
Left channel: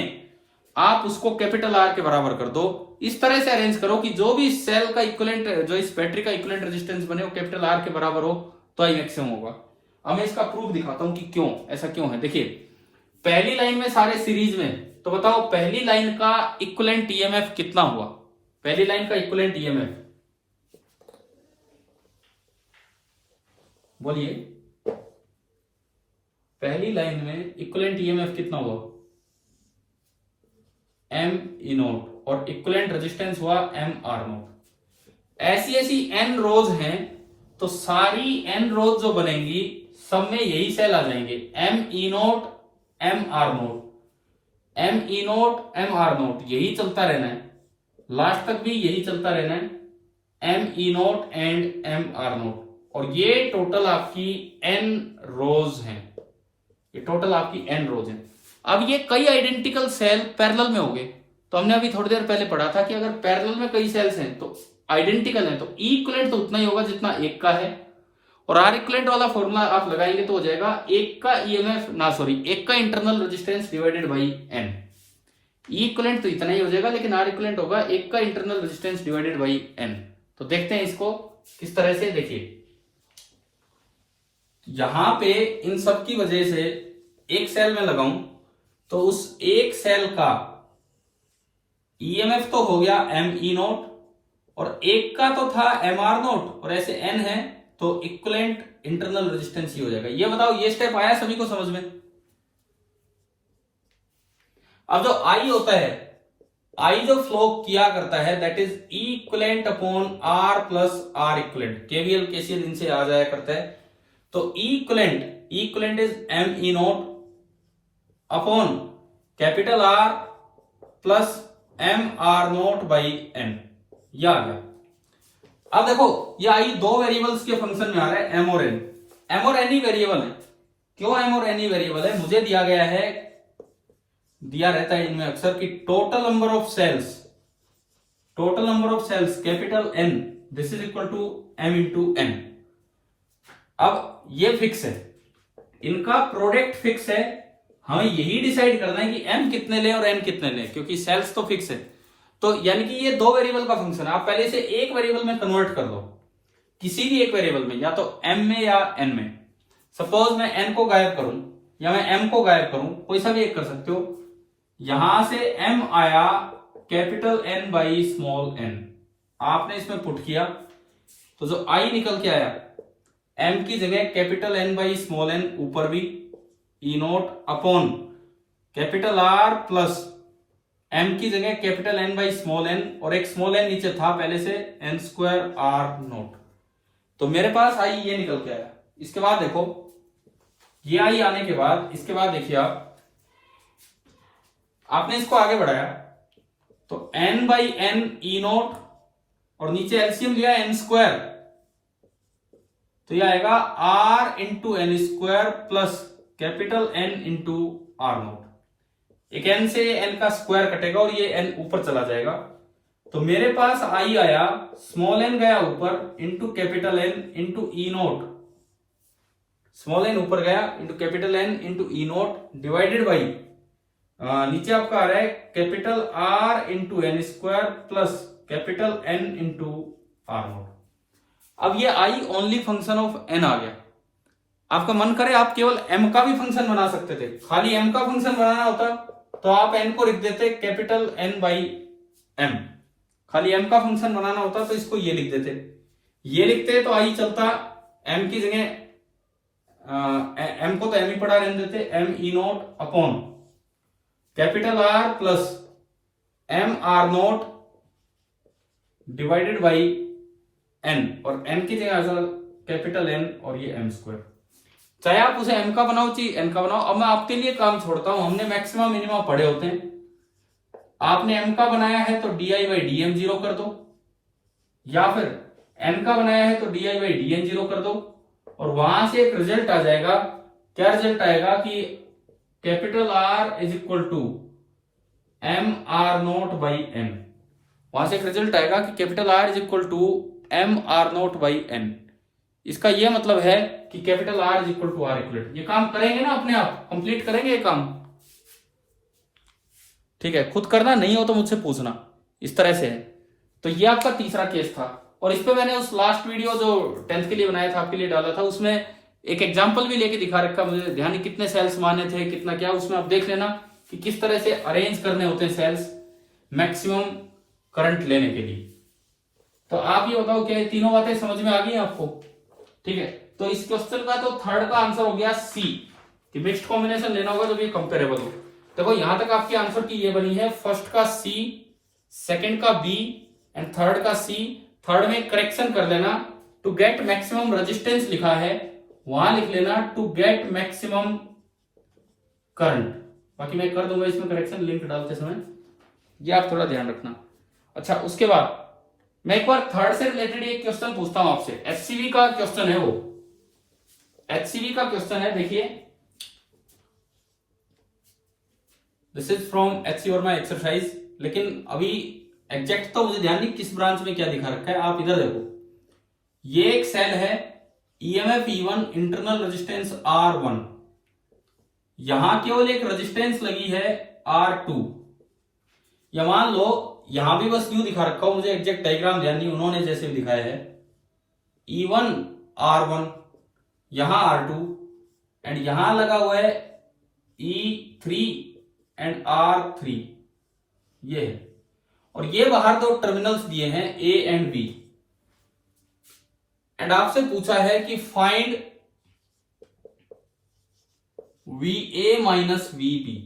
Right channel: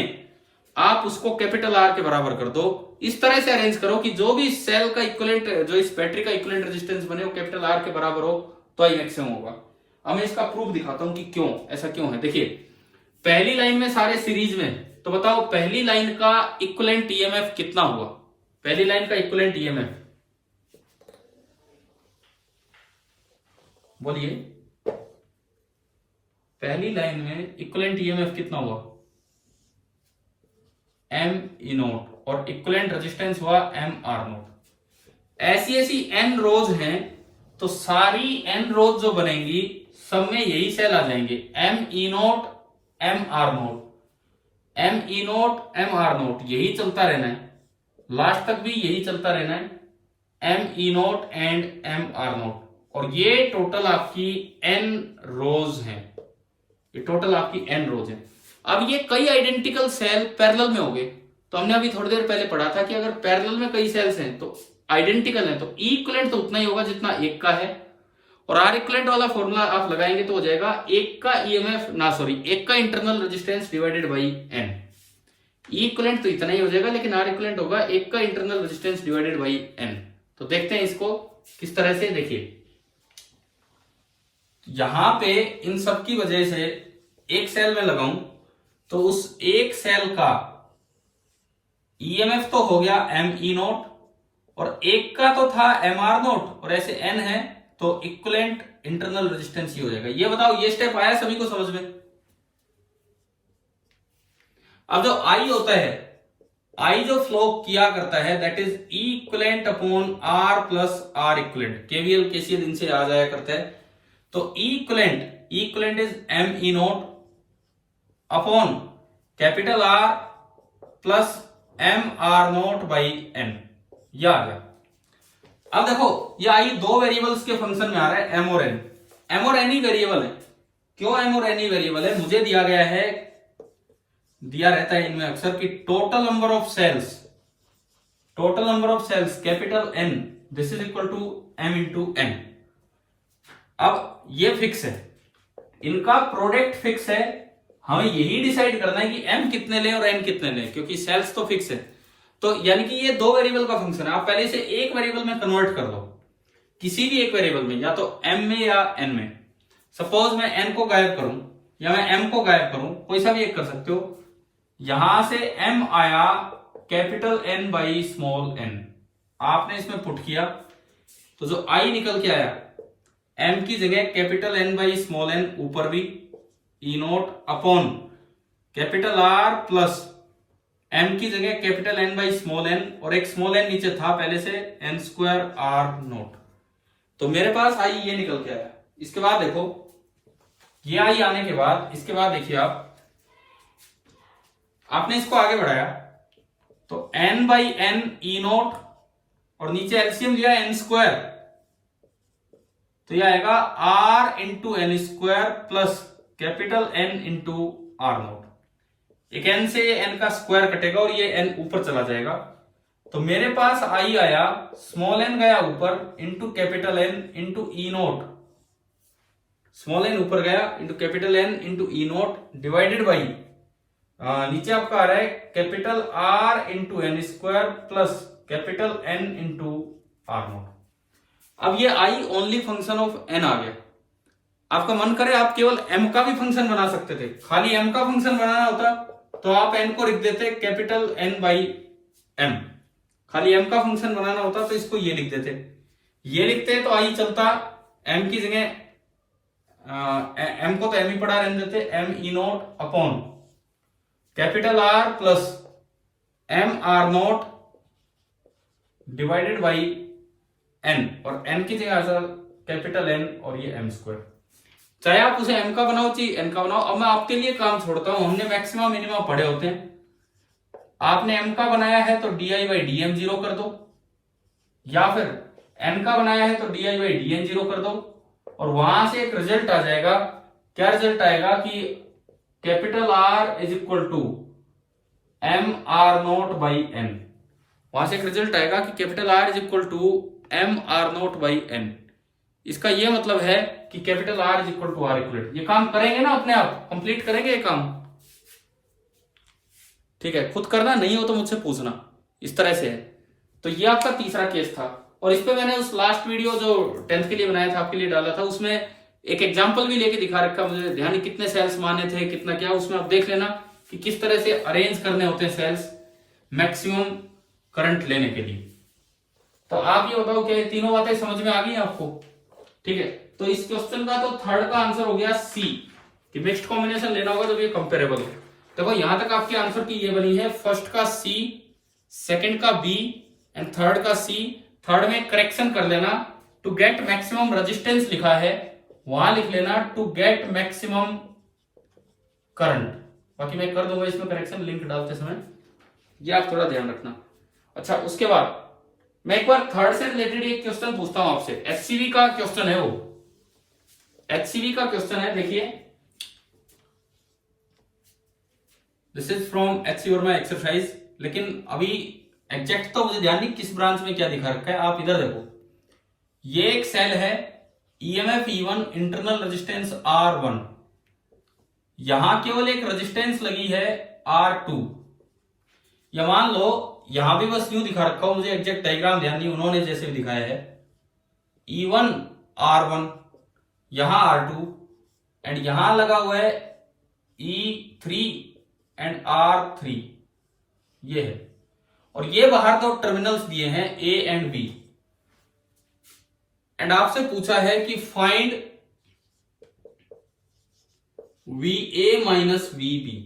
आप उसको कैपिटल आर के बराबर कर दो। इस तरह से अरेंज करो कि जो भी सेल का इक्विवेलेंट, जो इस बैटरी का इक्विवेलेंट रेजिस्टेंस बने वो कैपिटल आर के बराबर हो तो आई मैक्सिमम होगा। अब मैं इसका प्रूफ दिखाता हूं कि क्यों ऐसा क्यों है। देखिए पहली लाइन में सारे सीरीज में, तो बताओ पहली लाइन का इक्विवेलेंट ईएमएफ कितना हुआ, पहली लाइन का इक्विवेलेंट ईएमएफ बोलिए, पहली लाइन में इक्विवेलेंट ईएमएफ कितना हुआ, एम ई नोट, और इक्विवेलेंट रेजिस्टेंस हुआ एम आर नोट। ऐसी ऐसी एन रोज हैं तो सारी एन रोज जो बनेंगी सब में यही सेल आ जाएंगे, M E naught M R naught, M E naught M R naught, यही चलता रहना है, लास्ट तक भी यही चलता रहना है, M E naught and M R naught. और ये टोटल आपकी एन रोज हैं, ये टोटल आपकी एन रोज है। अब ये कई आइडेंटिकल सेल पैरेलल में होंगे, तो हमने अभी थोड़ी देर पहले पढ़ा था कि अगर पैरेलल में कई सेल्स हैं तो आइडेंटिकल हैं तो इक्विवेलेंट तो उतना ही होगा जितना एक का है, और आर इक्विवेलेंट वाला फॉर्मूला आप लगाएंगे तो हो जाएगा एक का ईएमएफ एक का internal resistance divided by N. Equivalent तो इतना ही हो जाएगा लेकिन आर इक्विवेलेंट होगा एक का internal resistance divided by N. तो देखते हैं इसको किस तरह से। देखिए यहां पे इन सब की वजह से एक सेल में लगाऊं तो उस एक सेल का ईएमएफ तो हो गया एम ई नोट और एक का तो था एम आर नोट और ऐसे एन है तो इक्विवेलेंट इंटरनल रेजिस्टेंस ही हो जाएगा। ये बताओ ये स्टेप आया सभी को समझ में। अब जो आई होता है, आई जो फ्लो किया करता है that is equivalent upon R plus R equivalent, KVL KCL इनसे आ जाया करता है। तो equivalent is M E naught upon capital R plus M R naught by N, यह आ गया। अब देखो ये आई दो वेरिएबल्स के फंक्शन में आ रहा है, एम और एन। एम और एन ही वेरिएबल है। क्यों एम और एन ही वेरिएबल है? मुझे दिया गया है, दिया रहता है इनमें अक्सर कि total number of cells capital N this is equal to M into N. अब ये फिक्स है, इनका प्रोडक्ट फिक्स है, हमें यही डिसाइड करना है कि एम कितने ले और एन कितने ले, क्योंकि सेल्स तो फिक्स है। तो यानी कि ये दो वेरिएबल का फंक्शन है, आप पहले से एक वेरिएबल में कन्वर्ट कर लो, किसी भी एक वेरिएबल में, या तो एम में या एन में। सपोज मैं एन को गायब करूं या मैं एम को गायब करूं, कोई सा भी एक कर सकते हो। यहां से एम आया capital N by small N, आपने इसमें पुट किया तो जो आई निकल के आया एम की जगह capital N by small N ऊपर भी E naught upon capital R plus M की जगह capital N by small N और एक स्मॉल एन नीचे था पहले से, एन स्क्वायर आर नोट। तो मेरे पास आई ये निकल के आया। इसके बाद देखो ये आई आने के बाद इसके बाद देखिए आपने इसको आगे बढ़ाया तो N by N E naught और नीचे एलसीएम लिया एन स्क्वायर, तो यह आएगा R into N square plus capital N into R naught. एक एन से एन का स्क्वायर कटेगा और ये एन ऊपर चला जाएगा, तो मेरे पास आई आया स्मॉल एन गया ऊपर into capital N into E naught, small N ऊपर गया into capital N into E naught divided by नीचे आपका आ रहा है capital R into N square plus capital N into R naught. अब ये I only function of N आ गया। आपका मन करे आप केवल एम का भी फंक्शन बना सकते थे, खाली एम का फंक्शन बनाना होता तो आप एन को लिख देते कैपिटल एन बाई एम, खाली एम का फंक्शन बनाना होता तो इसको ये लिख देते, ये लिखते तो आई चलता, एम की जगह एम को तो एम ही पढ़ा रहने देते, M E naught upon capital R plus M R naught divided by N, और एन की जगह कैपिटल एन और ये एम स्क्वायर। चाहे आप उसे एम का बनाओ चाहे एन का बनाओ। अब मैं आपके लिए काम छोड़ता हूं, हमने मैक्सिमम मिनिमम पढ़े होते हैं, आपने एम का बनाया है तो D I by D M zero कर दो, या फिर एन का बनाया है तो D I by D N zero कर दो, और वहां से एक रिजल्ट आ जाएगा। क्या रिजल्ट आएगा कि capital R is equal to M R naught by N, वहां से एक रिजल्ट आएगा कि capital R is equal to M R naught by N. इसका यह मतलब है कि capital R is equal to R इक्वलेट। ये काम करेंगे ना, अपने आप कंप्लीट करेंगे ये काम, ठीक है। खुद करना नहीं हो तो मुझसे पूछना, इस तरह से है। तो ये आपका तीसरा केस था, और इस पे मैंने उस लास्ट वीडियो जो 10th के लिए बनाया था, आपके लिए डाला था, उसमें एक एग्जांपल भी लेके दिखा रखा, मुझे ध्यान नहीं कितने सेल्स माने थे कितना क्या, उसमें आप देख लेना कि किस तरह से अरेंज करने होते हैं सेल्स मैक्सिमम करंट लेने के लिए। तो आप ये बताओ क्या ये तीनों बातें समझ में आ गई आपको, ठीक है। तो इस क्वेश्चन का तो थर्ड का आंसर हो गया सी, कि बेस्ट कॉम्बिनेशन लेना होगा तो ये कंपेरेबल हो। देखो यहां तक आपके आंसर की ये बनी है, फर्स्ट का सी, सेकंड का बी एंड थर्ड का सी। थर्ड में करेक्शन कर लेना, टू गेट मैक्सिमम रेजिस्टेंस लिखा है, वहां लिख लेना टू गेट मैक्सिमम करंट। बाकी मैं कर दूंगा इसमें करेक्शन लिंक डालते समय, ये आप थोड़ा ध्यान रखना। अच्छा, उसके बाद मैं एक बार थर्ड से रिलेटेड एक क्वेश्चन पूछता हूं आपसे, एचसीवी का क्वेश्चन है, वो एचसीवी का क्वेश्चन है। देखिए, this is from HC Verma exercise, लेकिन अभी एग्जैक्ट तो मुझे ध्यान नहीं किस ब्रांच में क्या दिखा रखा है। आप इधर देखो, ये एक सेल है, EMF E1, internal resistance R1, यहां केवल एक रेजिस्टेंस लगी है R2। या मान लो यहां भी बस यूं दिखा रखा हो, मुझे एग्जैक्ट डायग्राम ध्यान नहीं, उन्होंने जैसे भी दिखाया है, E1 R1, यहां R2, एंड यहां लगा हुआ है E3 एंड R3, ये है। और ये बाहर दो टर्मिनल्स दिए हैं A एंड B, एंड आपसे पूछा है कि फाइंड VA माइनस VB,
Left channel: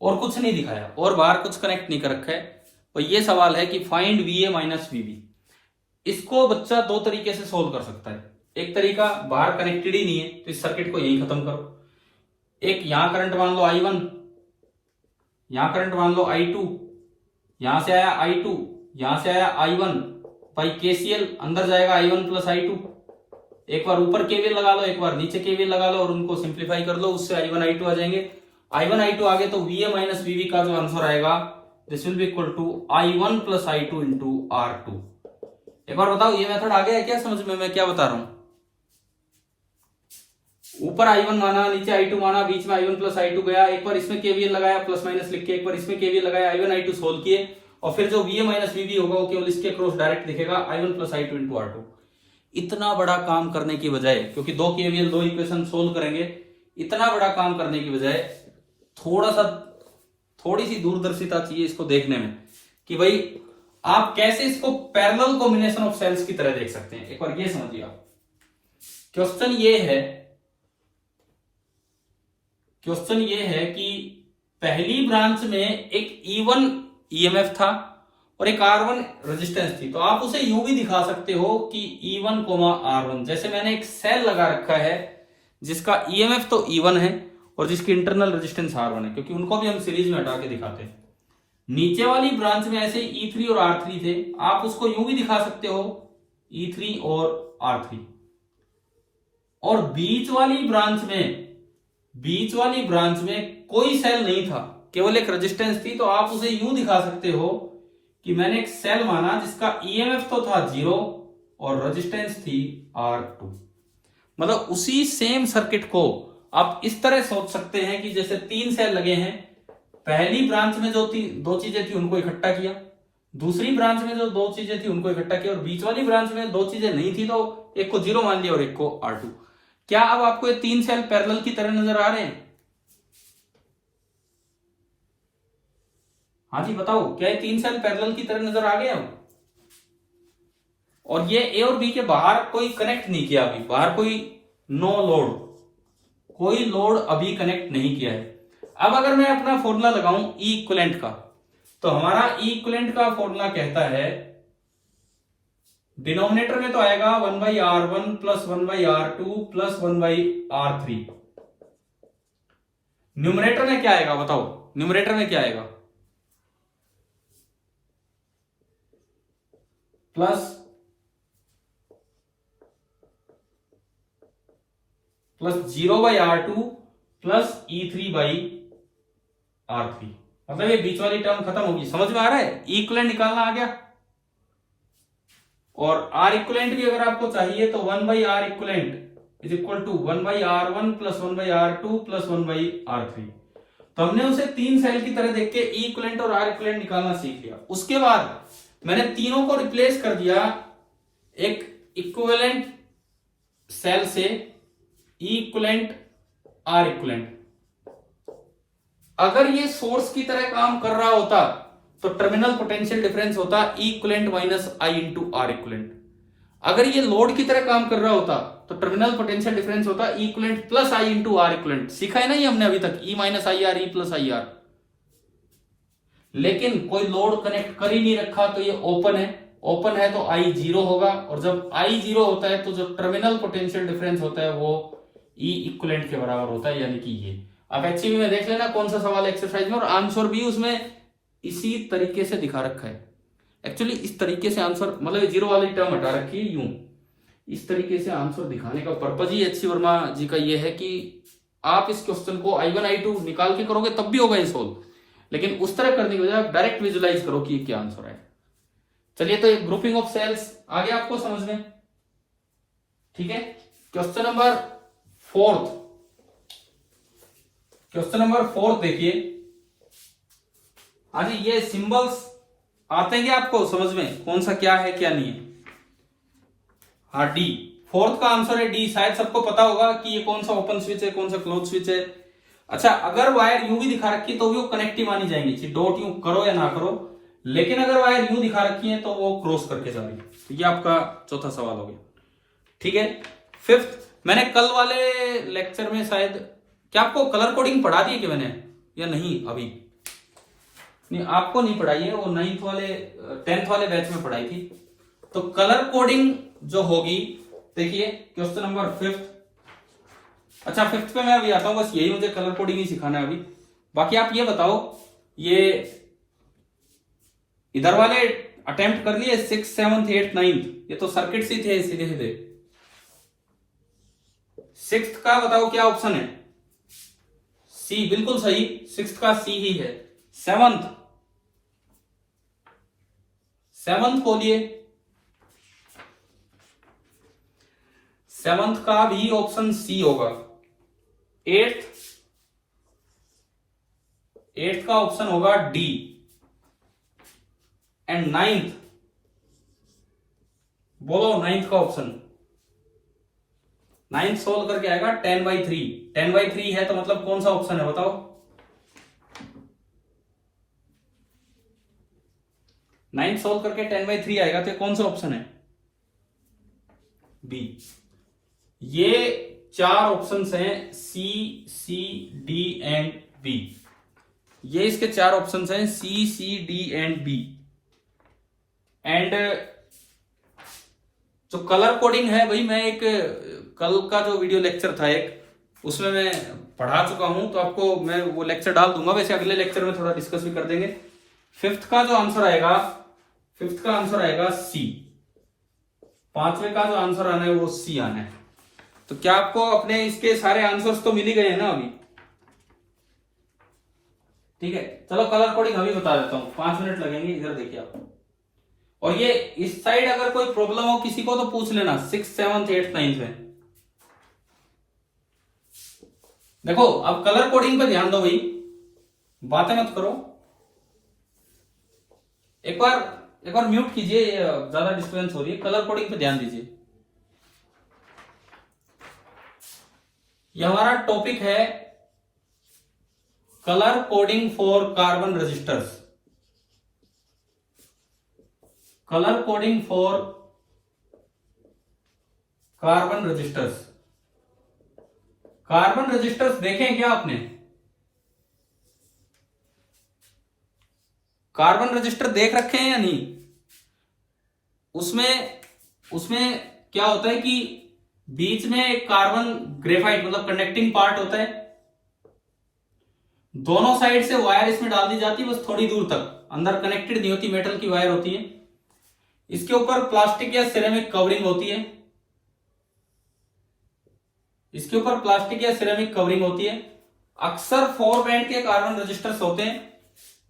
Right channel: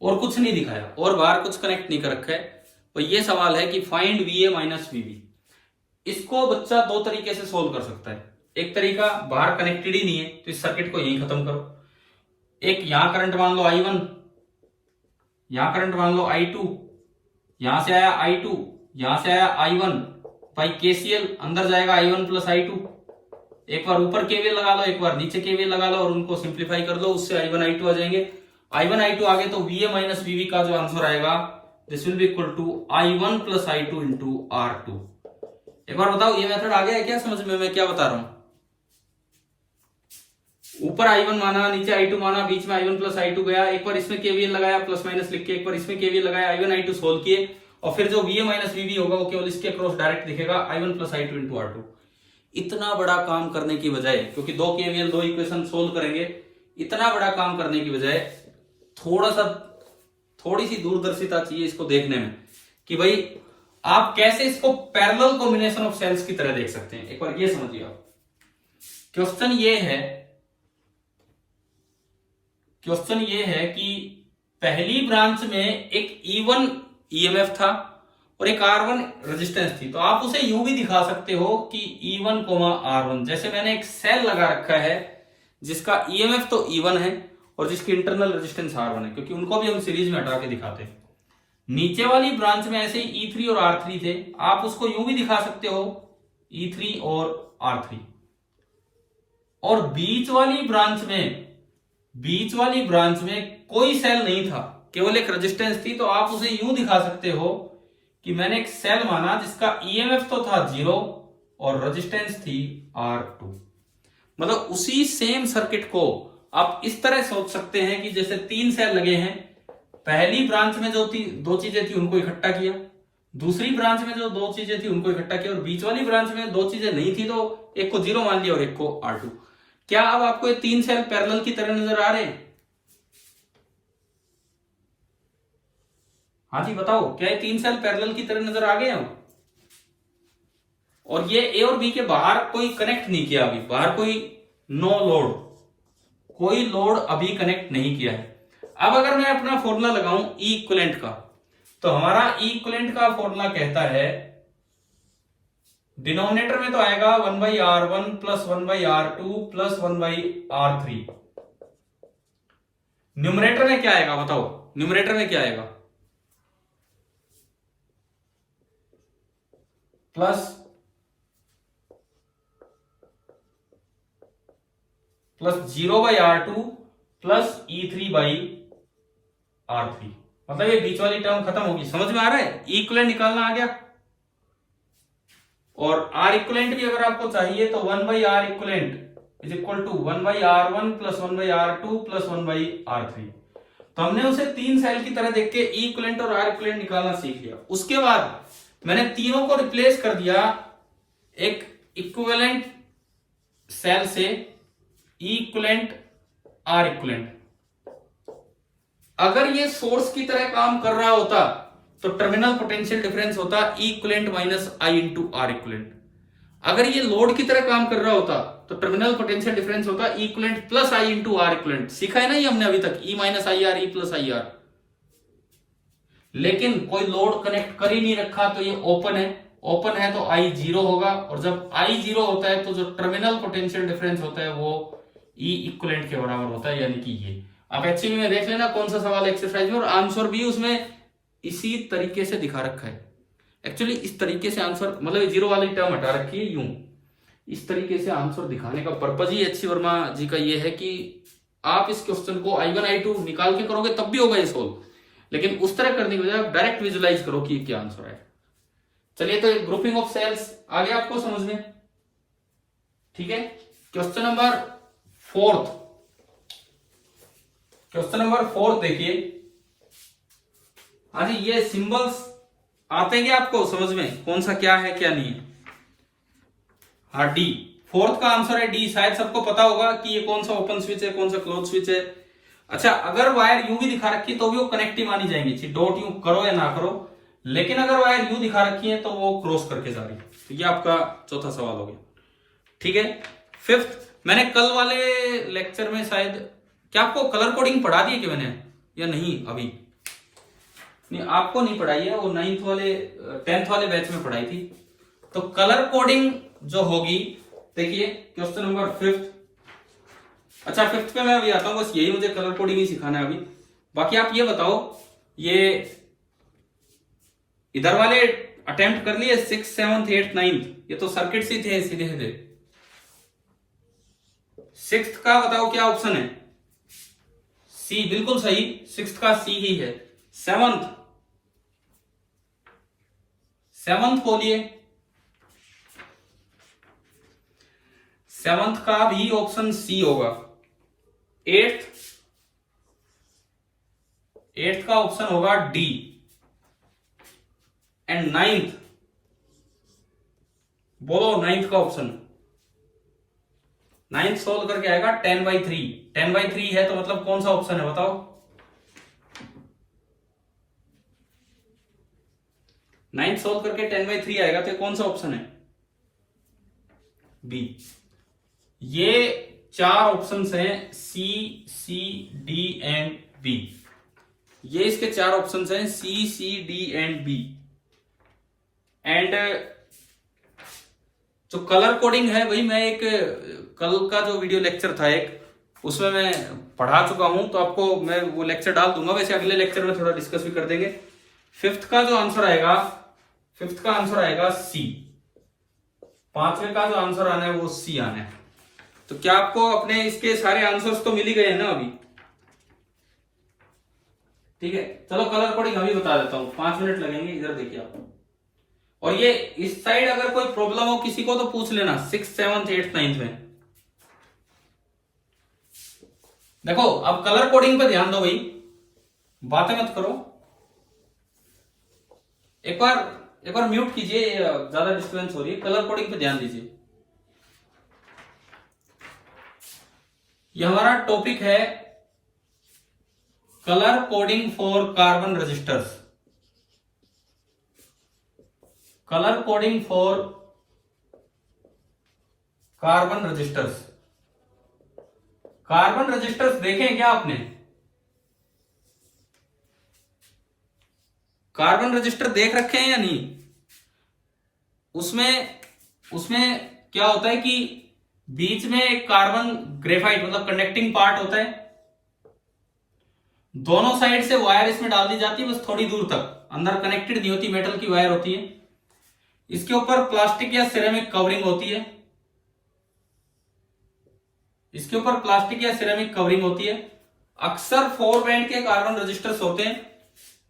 और कुछ नहीं दिखाया, और बाहर कुछ कनेक्ट नहीं कर रखा है, और ये सवाल है कि फाइंड VA माइनस VB। इसको बच्चा दो तरीके से सोल्व कर सकता है। एक तरीका, बाहर कनेक्टेड ही नहीं है तो इस सर्किट को यही खत्म करो। एक यहां करंट मान लो I1, यहां करंट मान लो I2, यहां से आया I2, यहां से आया I1, भाई KCL अंदर जाएगा I1 प्लस I2। एक बार ऊपर KVL लगा लो, एक बार नीचे KVL लगा लो, और उनको सिंप्लीफाई कर लो, उससे I1 I2 आ जाएंगे। I1 I2 आगे तो VA माइनस VB का जो आंसर आएगा, this will be equal to I1 plus I2 into R2। एक बार बताओ ये मेथड आ गया है क्या समझ में, मैं क्या बता रहा हूं? ऊपर I1 माना, नीचे I2 माना, बीच में I1 प्लस I2 गया, एक बार इसमें KVL लगाया प्लस माइनस लिख के, एक बार इसमें KVL लगाया, I1 I2 सोल्व किए, और फिर जो VA माइनस VB होगा वो केवल इसके क्रॉस डायरेक्ट दिखेगा, I1 plus I2 into R2। इतना बड़ा काम करने की बजाय, क्योंकि दो KVL दो इक्वेशन सोल्व करेंगे, इतना बड़ा काम करने की बजाय थोड़ी सी दूरदर्शिता चाहिए इसको देखने में, कि भाई आप कैसे इसको पैरेलल कॉम्बिनेशन ऑफ सेल्स की तरह देख सकते हैं। एक बार ये समझिए आप, क्वेश्चन ये है कि पहली ब्रांच में एक E1 EMF था और एक R1 रेजिस्टेंस थी, तो आप उसे यूं भी दिखा सकते हो कि E1, R1। जैसे मैंने एक सेल लगा रखा है जिसका EMF तो E1 है और जिसकी इंटरनल रेजिस्टेंस R1 है, क्योंकि उनको भी हम सीरीज में हटा के दिखाते हैं। नीचे वाली ब्रांच में ऐसे E3 और R3 थे, आप उसको यूं भी दिखा सकते हो E3 और R3। और बीच वाली ब्रांच में कोई सेल नहीं था, केवल एक रेजिस्टेंस थी, तो आप उसे यूं दिखा सकते हो कि मैंने एक सेल माना जिसका EMF तो था 0 और रेजिस्टेंस थी R2। मतलब उसी सेम सर्किट को आप इस तरह सोच सकते हैं कि जैसे 3 सेल लगे हैं, पहली ब्रांच में जो दो चीजें थी उनको इकट्ठा किया, दूसरी ब्रांच में जो 2 चीजें थी उनको इकट्ठा किया, और बीच वाली ब्रांच में 2 चीजें नहीं थी तो एक को 0 मान लिया और एक को R2। क्या अब आपको ये 3 सेल पैरेलल की तरह नजर आ रहे हैं? हाँ जी बताओ, क्या ये 3 सेल पैरेलल की तरह नजर आ गए हैं? और ये ए और बी के बाहर कोई कनेक्ट नहीं किया, अभी बाहर कोई नो लोड, कोई लोड अभी कनेक्ट नहीं किया है। अब अगर मैं अपना फॉर्मूला लगाऊं ई इक्विवेलेंट का, तो हमारा ई इक्विवेलेंट का फॉर्मूला कहता है, डिनोमिनेटर में तो आएगा 1/R1 plus 1/R2 plus 1/R3। Numerator में क्या आएगा बताओ? न्यूमरेटर में क्या आएगा? Plus 0/R2 plus E3/R3। मतलब ये बीच वाली टर्म खत्म होगी। समझ में आ रहा है? इक्विवेलेंट निकालना आ गया। और R इक्विवेलेंट भी अगर आपको चाहिए तो 1/R equivalent is equal to 1/R1 plus 1/R2 plus 1/R3। तो हमने उसे 3 सेल की तरह देख के E इक्विवेलेंट और R इक्विवेलेंट निकालना सीख लिया। उसके बाद मैंने तीनों को रिप्लेस कर दिया एक इक्विवेलेंट सेल से, E इक्विवेलेंट R इक्विवेलेंट। अगर ये सोर्स की तरह काम कर रहा होता तो टर्मिनल पोटेंशियल डिफरेंस होता E equivalent minus I into R equivalent. अगर ये लोड की तरह काम कर रहा होता तो टर्मिनल पोटेंशियल डिफरेंस होता E equivalent plus I into R equivalent. सीखा है ना ये हमने अभी तक, E minus I R, E plus I R. लेकिन कोई लोड कनेक्ट कर ही नहीं रखा, तो ये ओपन है। ओपन है तो I 0 होगा, और जब I 0 होता है तो जो टर्मिनल पोटेंशियल डिफरेंस होता है वो E इक्विवेलेंट के बराबर होता है, यानी कि ये। अब एक्चुअली में देख लेना कौन सा सवाल एक्सरसाइज में, और आंसर भी उसमें इसी तरीके से दिखा रखा है। एक्चुअली इस तरीके से आंसर, मतलब 0 वाली टर्म हटा रखी है यूं, इस तरीके से आंसर दिखाने का पर्पज ही अच्छी वर्मा जी का ये है कि आप इस क्वेश्चन को I1 I2 निकाल के करोगे तब भी होगा ये सोल्व, लेकिन उस तरह करने की बजाय आप डायरेक्ट विजुलाइज करो कि क्या आंसर है। चलिए, तो एक ग्रुपिंग ऑफ सेल्स आ गया आपको समझ में? ठीक है, क्वेश्चन नंबर 4। क्वेश्चन नंबर 4 देखिए। हाँ जी, ये सिंबल्स आते हैं क्या आपको समझ में, कौन सा क्या है क्या नहीं है? हाँ, डी। 4th का आंसर है डी। शायद सबको पता होगा कि ये कौन सा ओपन स्विच है, कौन सा क्लोज स्विच है। अच्छा, अगर वायर यूं भी दिखा रखी है तो भी वो कनेक्टिव मानी जाएंगी, डॉट यूं करो या ना करो। लेकिन अगर वायर यूं दिखा रखी है तो वो क्रॉस करके जा रही है। तो ये आपका चौथा सवाल हो गया। ठीक है, 5th, मैंने कल वाले लेक्चर में शायद, क्या आपको कलर कोडिंग पढ़ा दी कि मैंने या नहीं? अभी नहीं, आपको नहीं पढ़ाई है, वो 9th वाले 10th वाले बैच में पढ़ाई थी। तो कलर कोडिंग जो होगी, देखिए क्वेश्चन नंबर 5th। अच्छा, 5th पे मैं अभी आता हूं, बस यही मुझे कलर कोडिंग ही सिखाना है अभी। बाकी आप ये बताओ, ये इधर वाले अटेम्प्ट कर लिए 6th 7th 8th 9th, ये तो सर्किट ही थे सीधे सीधे। 6th का बताओ क्या ऑप्शन है? सी, बिल्कुल सही, 6th का सी ही है। 7th बोलिए। 7th का भी ऑप्शन सी होगा। 8th का ऑप्शन होगा डी। एंड 9th बोलो, 9th का ऑप्शन। 9th सोल्व करके आएगा 10/3। 10/3 है तो मतलब कौन सा ऑप्शन है बताओ? 9th सोल्व करके 10/3 आएगा तो कौन सा ऑप्शन है? बी। ये 4 ऑप्शंस हैं, सी, सी, डी एंड बी। ये इसके 4 ऑप्शंस हैं, सी, सी, डी एंड बी। एंड जो कलर कोडिंग है भाई, मैं एक कल का जो वीडियो लेक्चर था एक, उसमें मैं पढ़ा चुका हूं, तो आपको मैं वो लेक्चर डाल दूंगा। वैसे अगले लेक्चर में थोड़ा डिस्कस भी कर देंगे। फिफ्थ का जो आंसर आएगा, फिफ्थ का आंसर आएगा सी। पांचवे का जो आंसर आना है वो सी आना है। तो क्या आपको अपने इसके सारे आंसर्स तो मिल ही गए हैं ना अभी? ठीक है, चलो कलर कोडिंग अभी बता देता हूं, 5 मिनट लगेंगे। इधर देखिए आप, और ये इस साइड अगर कोई प्रॉब्लम हो किसी को तो पूछ लेना 6th 7th 8th 9th में। देखो अब कलर कोडिंग पे ध्यान दो भाई, बातें मत करो। एक बार म्यूट कीजिए, ज्यादा डिस्टर्बेंस हो रही है। कलर कोडिंग पे ध्यान दीजिए। यह हमारा टॉपिक है colour coding for carbon resistors. Colour coding for carbon resistors. Carbon resistors देखें क्या आपने? कार्बन रजिस्टर देख रखे हैं या नहीं? उसमें क्या होता है कि बीच में एक कार्बन ग्रेफाइट मतलब कंडक्टिंग पार्ट होता है, दोनों साइड से वायर इसमें डाल दी जाती है, बस थोड़ी दूर तक, अंदर कनेक्टेड नहीं होती, मेटल की वायर होती है। इसके ऊपर प्लास्टिक या सिरेमिक कवरिंग होती है। इसके ऊपर प्लास्टिक या सिरेमिक कवरिंग होती है। अक्सर 4 बैंड के कार्बन रजिस्टर्स होते हैं,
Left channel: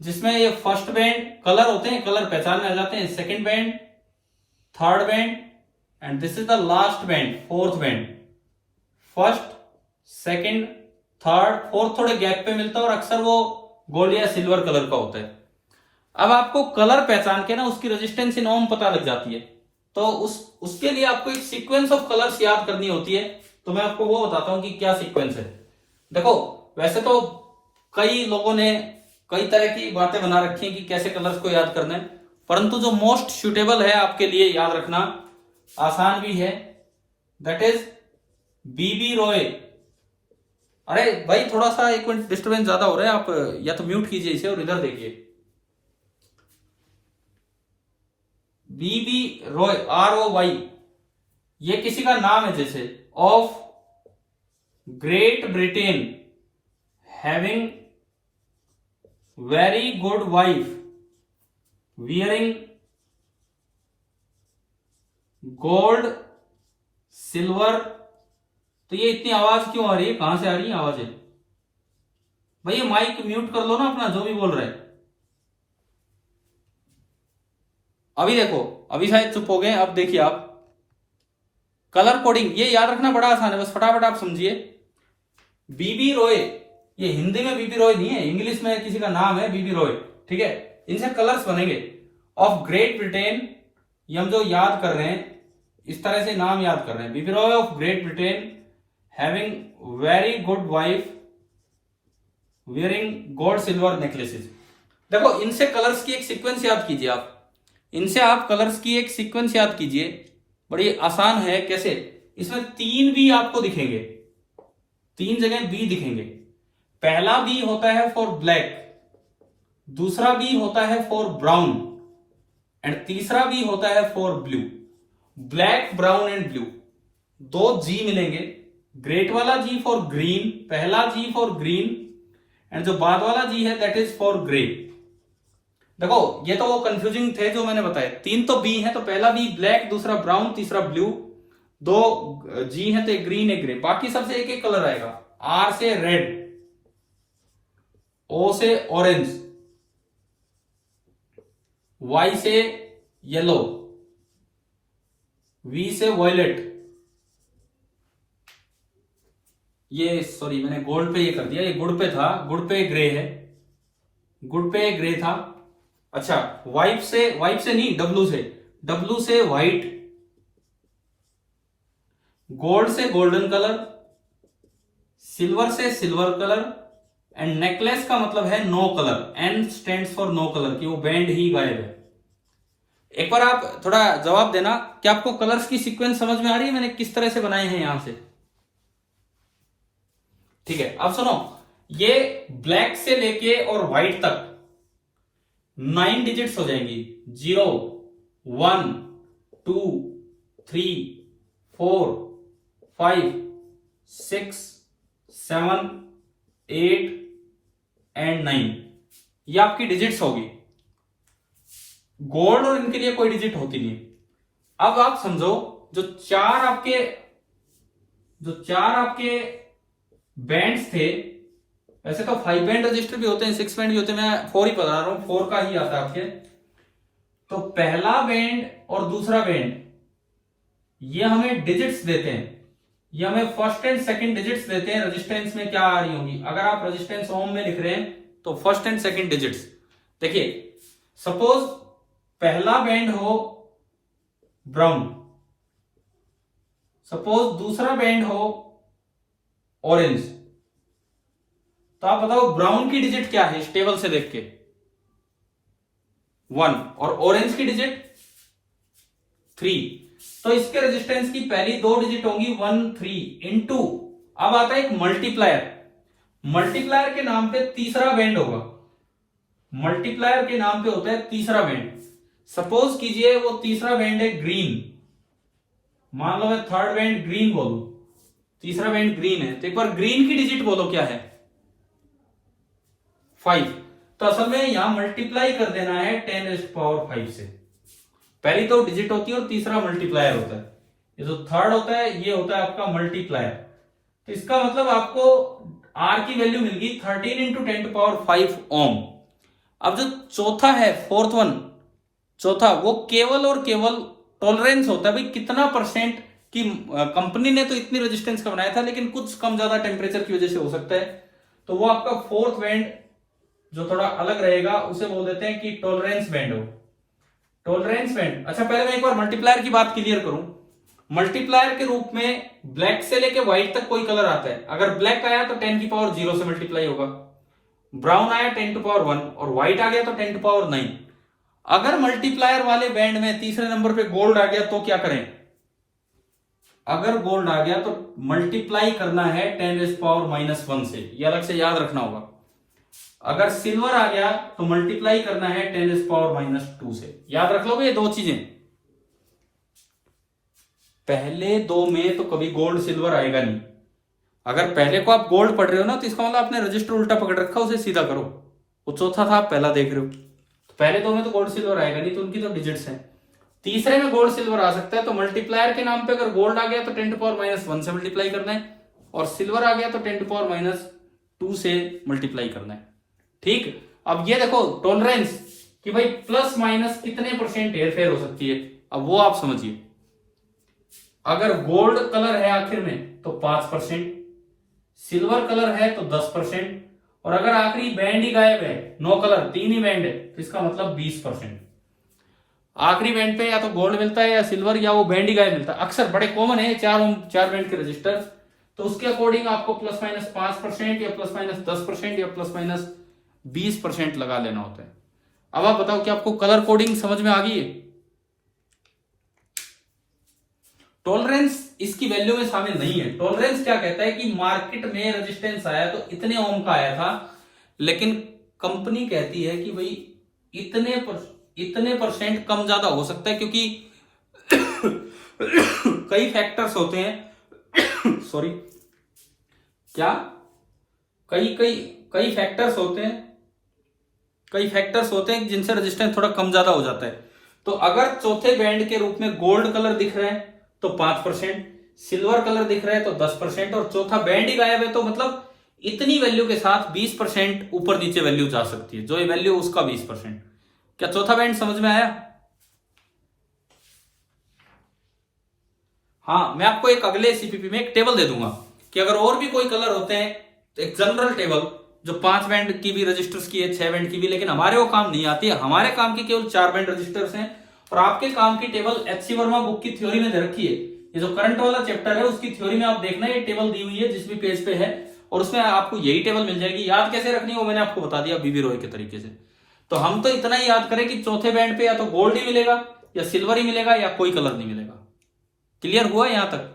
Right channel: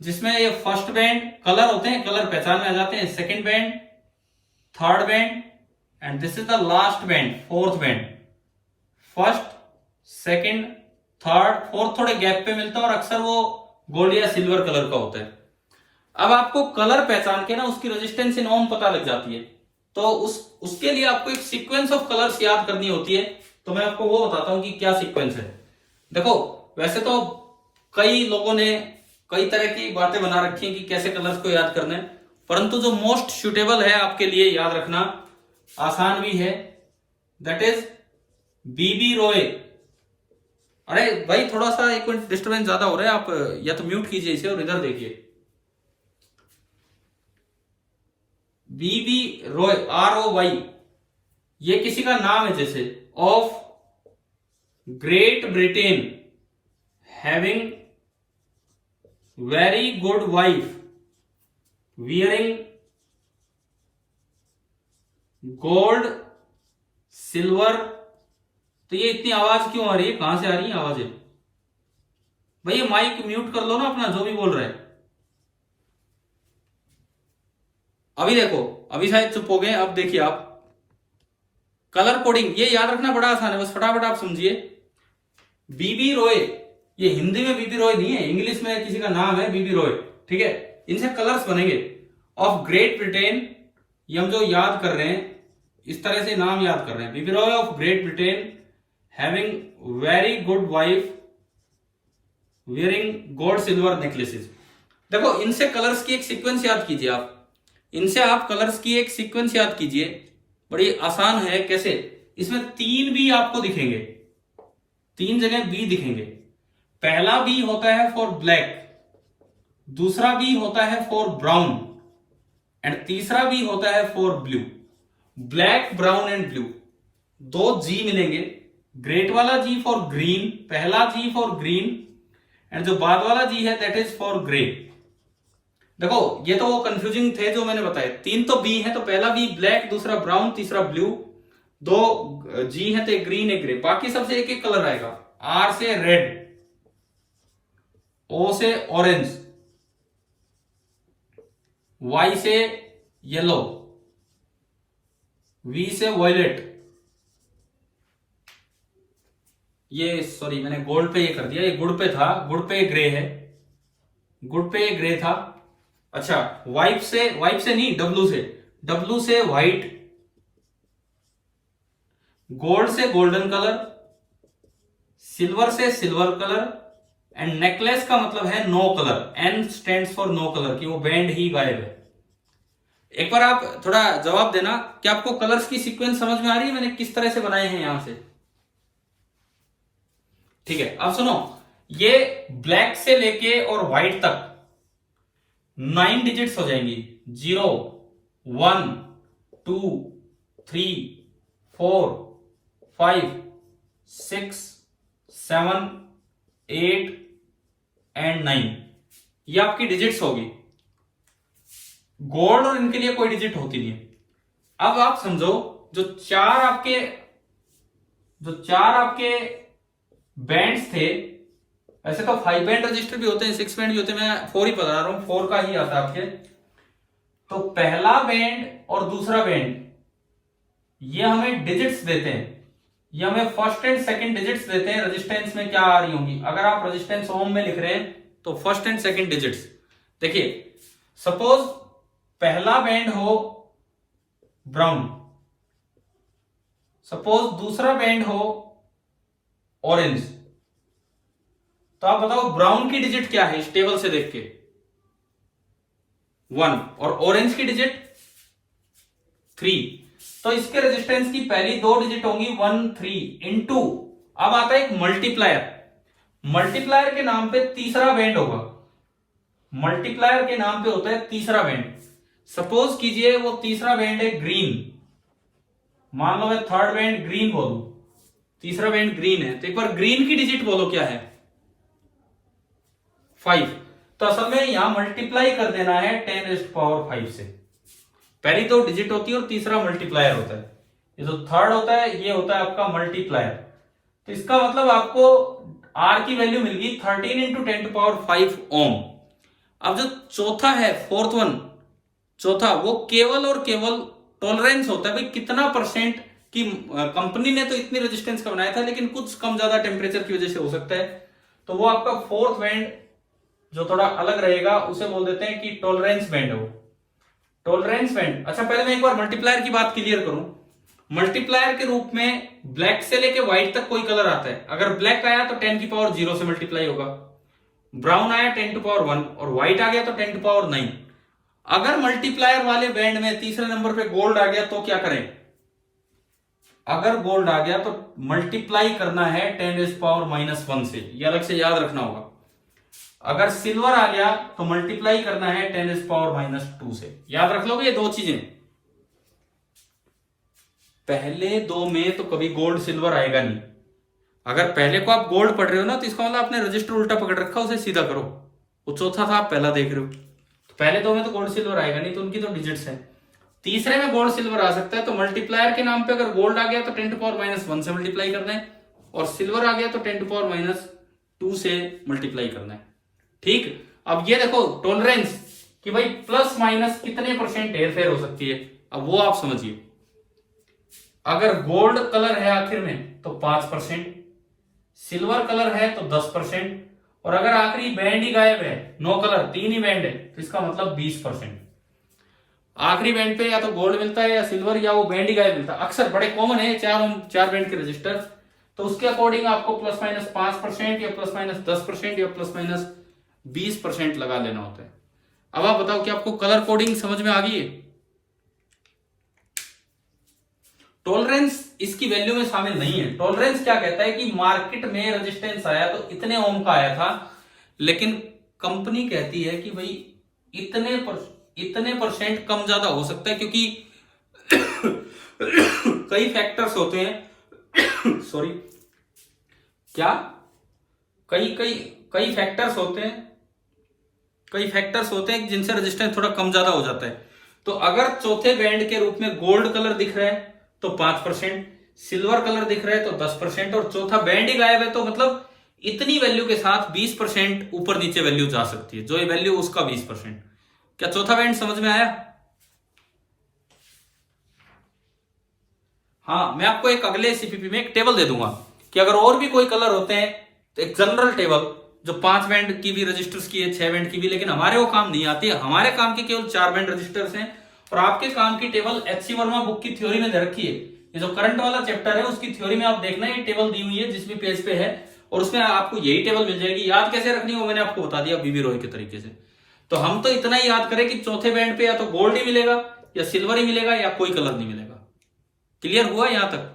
जिसमें ये फर्स्ट बैंड कलर होते हैं, कलर पहचान में आ जाते हैं, second band, third band, and this is the last band, fourth band. First, second, third, fourth थोड़े गैप पे मिलता है और अक्सर वो गोल्ड या सिल्वर कलर का होता है। अब आपको कलर पहचान के ना उसकी रेजिस्टेंस इन ओम पता लग जाती है, तो उसके लिए आपको एक सीक्वेंस ऑफ कलर्स याद करनी होती है। तो मैं आपको वो बताता हूं कि क्या सीक्वेंस है। देखो वैसे तो कई लोगों ने कई तरह की बातें बना रखी हैं कि कैसे कलर्स को याद करना है, परंतु जो मोस्ट सुटेबल है आपके लिए याद रखना, आसान भी है, दैट इज बीबी रॉय। अरे भाई थोड़ा सा एक मिनट डिस्टर्बेंस ज्यादा हो रहा है, आप या तो म्यूट कीजिए इसे और इधर देखिए। बीबी रॉय, ROY, ये किसी का नाम है, जैसे of Great Britain, having very good wife, wearing gold silver. तो ये इतनी आवाज क्यों आ रही है? कहां से आ रही है आवाजें? भैया माइक म्यूट कर लो ना अपना, जो भी बोल रहे हैं। अभी देखो, अभी शायद चुप हो गए। अब देखिए आप, कलर कोडिंग ये याद रखना बड़ा आसान है, बस फटाफट आप समझिए। बीबी रॉय, ये हिंदी में बीबी रॉय नहीं है, इंग्लिश में किसी का नाम है बीबी रॉय, ठीक है। इनसे कलर्स बनेंगे। ऑफ ग्रेट ब्रिटेन, ये हम जो याद कर रहे हैं इस तरह से नाम याद कर रहे हैं, B B Roy of Great Britain, having very good wife, wearing gold silver necklaces. देखो इनसे कलर्स की एक सीक्वेंस याद कीजिए आप, इनसे आप कलर्स की एक सीक्वेंस याद कीजिए, बड़ी आसान है। कैसे? इसमें 3 बी आपको दिखेंगे, 3 जगह बी दिखेंगे। पहला बी होता है फॉर ब्लैक, दूसरा बी होता है फॉर ब्राउन, एंड तीसरा बी होता है for blue. Black, brown and blue, 2 जी मिलेंगे। ग्रेट वाला जी फॉर ग्रीन, पहला जी फॉर ग्रीन, एंड जो बाद वाला जी है दैट इज फॉर ग्रे। देखो ये तो वो कंफ्यूजिंग थे जो मैंने बताया, 3 तो बी है, तो पहला बी ब्लैक, दूसरा ब्राउन, तीसरा ब्लू, 2 जी है तो एक ग्रीन एक ग्रे, बाकी सबसे एक एक कलर आएगा। आर से रेड, ओ से ऑरेंज, वाई से येलो, वी से वॉयलेट। ये सॉरी मैंने गोल्ड पे ये कर दिया, ये गुड़ पे था, गुड़ पे ग्रे है, गुड़ पे ग्रे था। अच्छा वाइट से नहीं, डब्लू से व्हाइट, गोल्ड से गोल्डन कलर, सिल्वर से सिल्वर कलर, एंड नेकलेस का मतलब है no colour, N stands for no colour, कि वो बैंड ही गायब है। एक बार आप थोड़ा जवाब देना कि आपको कलर्स की सीक्वेंस समझ में आ रही है मैंने किस तरह से बनाए हैं यहां से? ठीक है, अब सुनो, ये ब्लैक से लेके और व्हाइट तक 9 डिजिट्स हो जाएंगी। 0, 1, 2, 3, 4, 5, 6, 7, 8 एंड 9, ये आपकी डिजिट्स होगी। गोल्ड और इनके लिए कोई डिजिट होती नहीं है। अब आप समझो जो चार आपके बैंड्स थे, वैसे तो 5 बैंड रजिस्टर भी होते हैं, 6 बैंड भी होते हैं, मैं 4 ही बता रहा हूं, 4 का ही आता है आपके। तो पहला बैंड और दूसरा बैंड ये हमें डिजिट्स देते हैं, ये हमें फर्स्ट एंड सेकंड डिजिट्स देते हैं रेजिस्टेंस में क्या आ रही होंगी। अगर आप रेजिस्टेंस ओम में लिख रहे हैं तो फर्स्ट एंड सेकंड डिजिट्स देखिए। सपोज पहला बैंड हो ब्राउन, सपोज दूसरा बैंड हो ऑरेंज, तो आप बताओ ब्राउन की डिजिट क्या है इस टेबल से देख के? 1, और ऑरेंज की डिजिट 3। तो इसके रेजिस्टेंस की पहली 2 डिजिट होंगी 1 3 इनटू, अब आता है एक मल्टीप्लायर। मल्टीप्लायर के नाम पे तीसरा बैंड होगा, मल्टीप्लायर के नाम पे होता है तीसरा बैंड। सपोज कीजिए वो तीसरा बैंड है ग्रीन, मान लो मैं थर्ड बैंड ग्रीन बोलूं, तीसरा बैंड ग्रीन है, तो एक बार ग्रीन की डिजिट बोलो क्या है? 5। तो असल में यहां मल्टीप्लाई कर देना है 10⁵ से। पहली 2 डिजिट होती है और तीसरा मल्टीप्लायर होता है। ये जो थर्ड होता है ये होता है आपका मल्टीप्लायर। तो इसका मतलब आपको आर की वैल्यू मिल गई 13 इंटू 10⁵ ओम। अब जो चौथा है, फोर्थ वन, चौथा, वो केवल और केवल टॉलरेंस होता है, भाई कितना परसेंट की कंपनी ने तो इतनी रेजिस्टेंस का बनाया था, लेकिन कुछ कम ज्यादा टेम्परेचर की वजह से हो सकता है, तो वो आपका फोर्थ बैंड जो थोड़ा अलग रहेगा उसे बोल देते हैं कि टॉलरेंस बैंड हो, टॉलरेंस बैंड। अच्छा पहले मैं एक बार मल्टीप्लायर की बात क्लियर करूं। मल्टीप्लायर के रूप में ब्लैक से लेके व्हाइट तक कोई कलर आता है, अगर ब्लैक आया तो 10⁻0 से मल्टीप्लाई होगा, ब्राउन आया 10⁻1 और व्हाइट आ गया तो 10⁻9। अगर मल्टीप्लायर वाले बैंड में तीसरे नंबर पे गोल्ड आ गया तो क्या करें? अगर गोल्ड आ गया तो मल्टीप्लाई करना है 10⁻⁻1 से, ये अलग से याद रखना होगा। अगर सिल्वर आ गया तो मल्टीप्लाई करना है 10⁻2 से, याद रख लोगे ये 2 चीजें। पहले 2 में तो कभी गोल्ड सिल्वर आएगा नहीं। अगर पहले को आप गोल्ड पढ़ रहे हो ना, तो इसका मतलब आपने रजिस्टर उल्टा पकड़ रखा, उसे सीधा करो। वो चौथा था आप पहला देख रहे हो, तो पहले 2 में तो गोल्ड सिल्वर आएगा नहीं, तो उनकी तो डिजिट्स हैं। तीसरे में गोल्ड सिल्वर आ सकता है, तो मल्टीप्लायर के नाम पे अगर गोल्ड आ गया तो 10⁻1 से मल्टीप्लाई करना है, और सिल्वर आ गया तो 10⁻2 से मल्टीप्लाई करना है। ठीक, अब ये देखो टॉलरेंस कि भाई प्लस माइनस कितने परसेंट हेरफेर हो सकती है, अब वो आप समझिए। अगर गोल्ड कलर है आखिर में तो 5%, सिल्वर कलर है तो 10%, और अगर आखिरी बैंड ही गायब है, नो कलर, 3 ही बैंड है, तो इसका मतलब 20%। आखिरी बैंड पे या तो गोल्ड मिलता है या सिल्वर, या वो बैंड ही गायब मिलता है। अक्सर बड़े कॉमन है 4 बैंड के रजिस्टर, तो उसके अकॉर्डिंग आपको प्लस माइनस 5% या प्लस माइनस 10% या प्लस माइनस 20% लगा लेना होता है। अब आप बताओ कि आपको कलर कोडिंग समझ में आ गई है? टॉलरेंस इसकी वैल्यू में शामिल नहीं है। टॉलरेंस क्या कहता है कि मार्केट में रेजिस्टेंस आया तो इतने ओम का आया था, लेकिन कंपनी कहती है कि भाई इतने परसेंट कम ज्यादा हो सकता है, क्योंकि कई फैक्टर्स होते हैं सॉरी, क्या कई फैक्टर्स होते हैं जिनसे रेजिस्टेंस थोड़ा कम ज्यादा हो जाता है। तो अगर चौथे बैंड के रूप में गोल्ड कलर दिख रहा है तो 5%, सिल्वर कलर दिख रहा है तो 10%, और चौथा बैंड ही गायब है, तो मतलब इतनी वैल्यू के साथ 20% ऊपर नीचे वैल्यू जा सकती है, जो ये वैल्यू उसका 20%। क्या चौथा बैंड समझ में आया? हाँ, मैं आपको एक अगले सीपीपी में एक टेबल दे दूंगा कि अगर और भी कोई कलर होते हैं तो एक जनरल टेबल जो 5 बैंड की भी रजिस्टर्स की है, 6 बैंड की भी, लेकिन हमारे वो काम नहीं आती है। हमारे काम की केवल 4 बैंड रजिस्टर्स हैं, और आपके काम की टेबल एचसी वर्मा बुक की थ्योरी में दे रखी है। ये जो करंट वाला चैप्टर है उसकी थ्योरी में आप देखना, ये टेबल दी हुई है जिस भी पेज पे है, और उसमें आपको यही टेबल मिल जाएगी। याद कैसे रखनी है वो मैंने आपको बता दिया बीबी रॉय के तरीके से। तो हम तो इतना ही याद करें कि चौथे बैंड पे या तो गोल्ड ही मिलेगा या सिल्वर ही मिलेगा या कोई कलर नहीं मिलेगा। क्लियर हुआ यहां तक?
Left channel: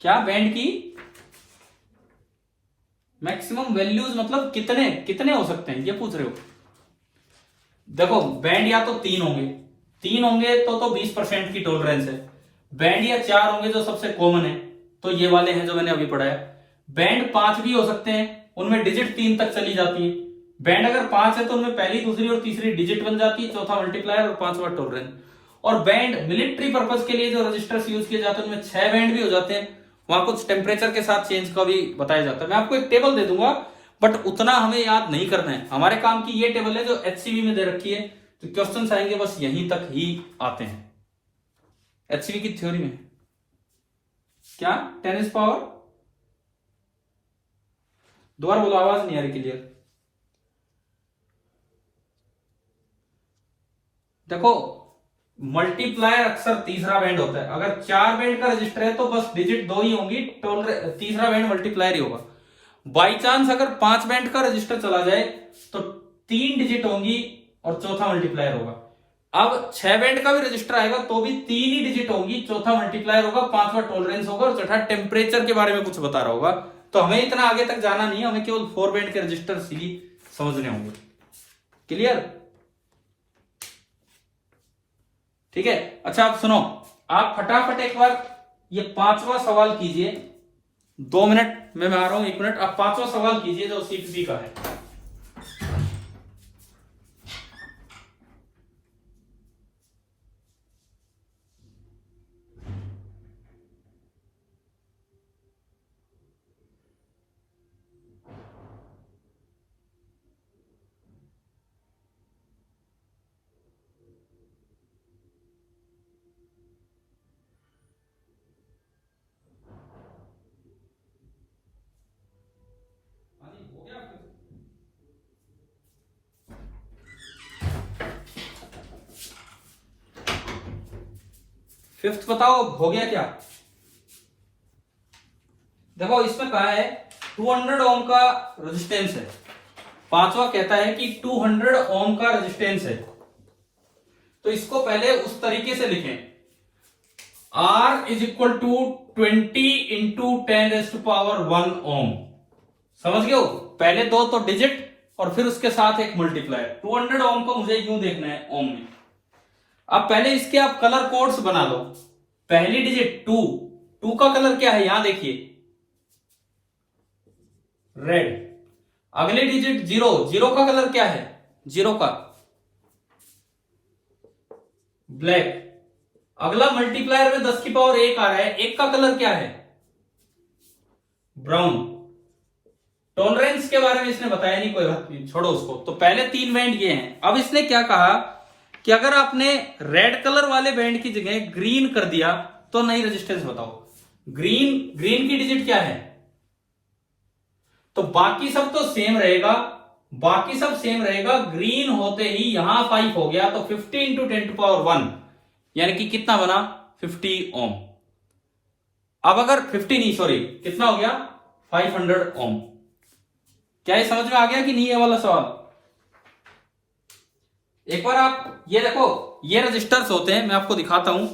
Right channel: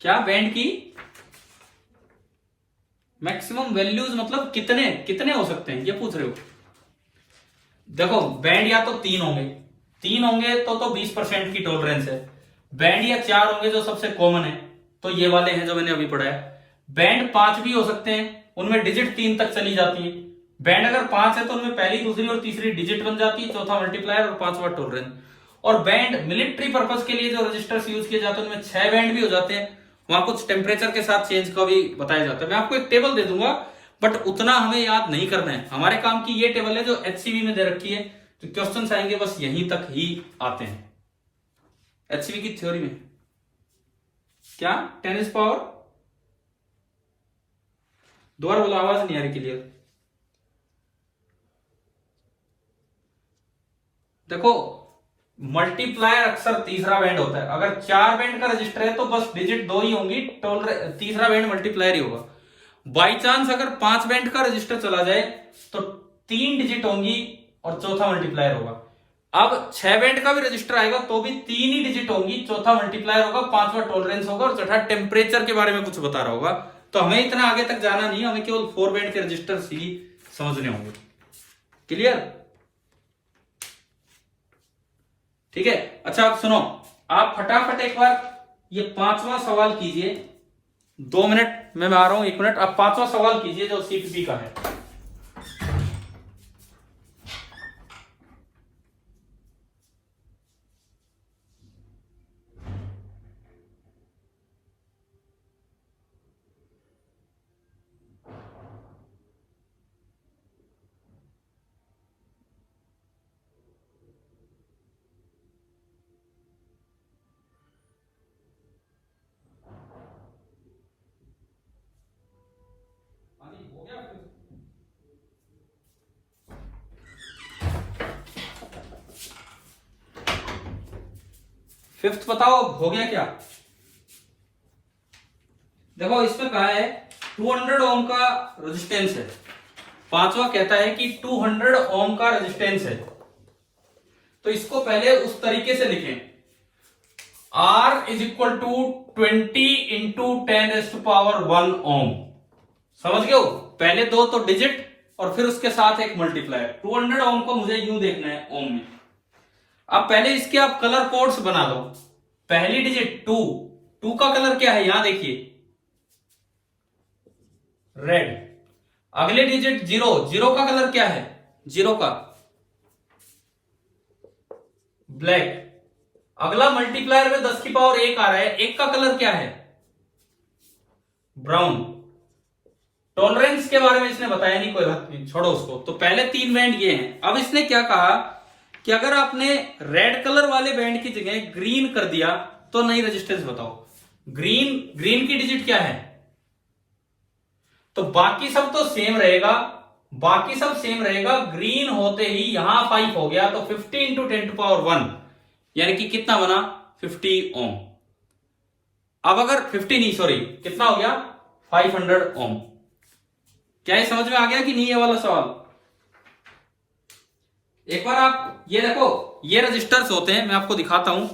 क्या बैंड की मैक्सिमम वैल्यूज मतलब कितने हो सकते हैं ये पूछ रहे हो? देखो बैंड या तो 3 होंगे तो 20% की टॉलरेंस है। बैंड या 4 होंगे जो सबसे कॉमन है, तो ये वाले हैं जो मैंने अभी पढ़ाया। बैंड 5 भी हो सकते हैं, उनमें डिजिट 3 तक चली जाती है। बैंड अगर 5 है तो उनमें पहली, दूसरी और तीसरी डिजिट बन जाती है, चौथा मल्टीप्लायर और पांचवा टॉलरेंस। और बैंड मिलिट्री पर्पज के लिए जो रजिस्टर्स यूज किए जाते हैं उनमें 6 बैंड भी हो जाते हैं, वहां कुछ टेम्परेचर के साथ चेंज का भी बताया जाता है। मैं आपको एक टेबल दे दूंगा, बट उतना हमें याद नहीं करना है। हमारे काम की ये टेबल है जो एचसीवी में दे रखी है, तो क्वेश्चंस आएंगे बस यहीं तक ही आते हैं एचसीवी की थ्योरी में। क्या 10 पावर, दोबारा बोलो, आवाज नहीं आ रही क्लियर। देखो मल्टीप्लायर अक्सर तीसरा बैंड होता है, अगर 4 बैंड का रजिस्टर है तो बस डिजिट 2 ही होंगी, तीसरा बैंड मल्टीप्लायर ही होगा। बाई चांस अगर 5 बैंड का रजिस्टर चला जाए तो 3 डिजिट होंगी और चौथा मल्टीप्लायर होगा। अब 6 बैंड का भी रजिस्टर आएगा तो भी 3 ही डिजिट होंगी, चौथा मल्टीप्लायर होगा, पांचवा टॉलरेंस होगा और छठा टेम्परेचर के बारे में कुछ बता रहा होगा। तो हमें इतना आगे तक जाना नहीं, हमें केवल 4 बैंड के रजिस्टर ही समझने होंगे। क्लियर? ठीक है। अच्छा आप सुनो, आप फटाफट एक बार ये 5वां सवाल कीजिए। 2 मिनट में मैं आ रहा हूं, 1 मिनट। आप 5वां सवाल कीजिए जो सीट बी का है। फिफ्थ बताओ हो गया क्या? देखो इसमें कहा है 200 ओम का रेजिस्टेंस है। 5वां कहता है कि 200 ओम का रेजिस्टेंस है, तो इसको पहले उस तरीके से लिखें, R is equal to 20 into 10⁻1 ohm. समझ गए हो? पहले 2 तो डिजिट और फिर उसके साथ एक मल्टीप्लायर। 200 ओम को मुझे यूं देखना है ओम में। अब पहले इसके आप कलर कोड्स बना लो। पहली डिजिट 2 का कलर क्या है? यहां देखिए रेड। अगली डिजिट 0 का कलर क्या है? 0 का ब्लैक। अगला मल्टीप्लायर में 10 की पावर 1 आ रहा है, 1 का कलर क्या है? ब्राउन। टॉलरेंस के बारे में इसने बताया नहीं, कोई बात नहीं, छोड़ो उसको। तो पहले 3 बैंड ये हैं। अब इसने क्या कहा कि अगर आपने रेड कलर वाले बैंड की जगह ग्रीन कर दिया तो नई रेजिस्टेंस बताओ। ग्रीन की डिजिट क्या है? तो बाकी सब तो सेम रहेगा, बाकी सब सेम रहेगा। ग्रीन होते ही यहां 5 हो गया, तो 50 इंटू 10⁻1 यानी कि कितना बना? 50 ओम। अब अगर 50 नहीं, सॉरी, कितना हो गया? 500 ओम। क्या ये समझ में आ गया कि नहीं ये वाला सवाल? एक बार आप ये देखो, ये रजिस्टर्स होते हैं, मैं आपको दिखाता हूं।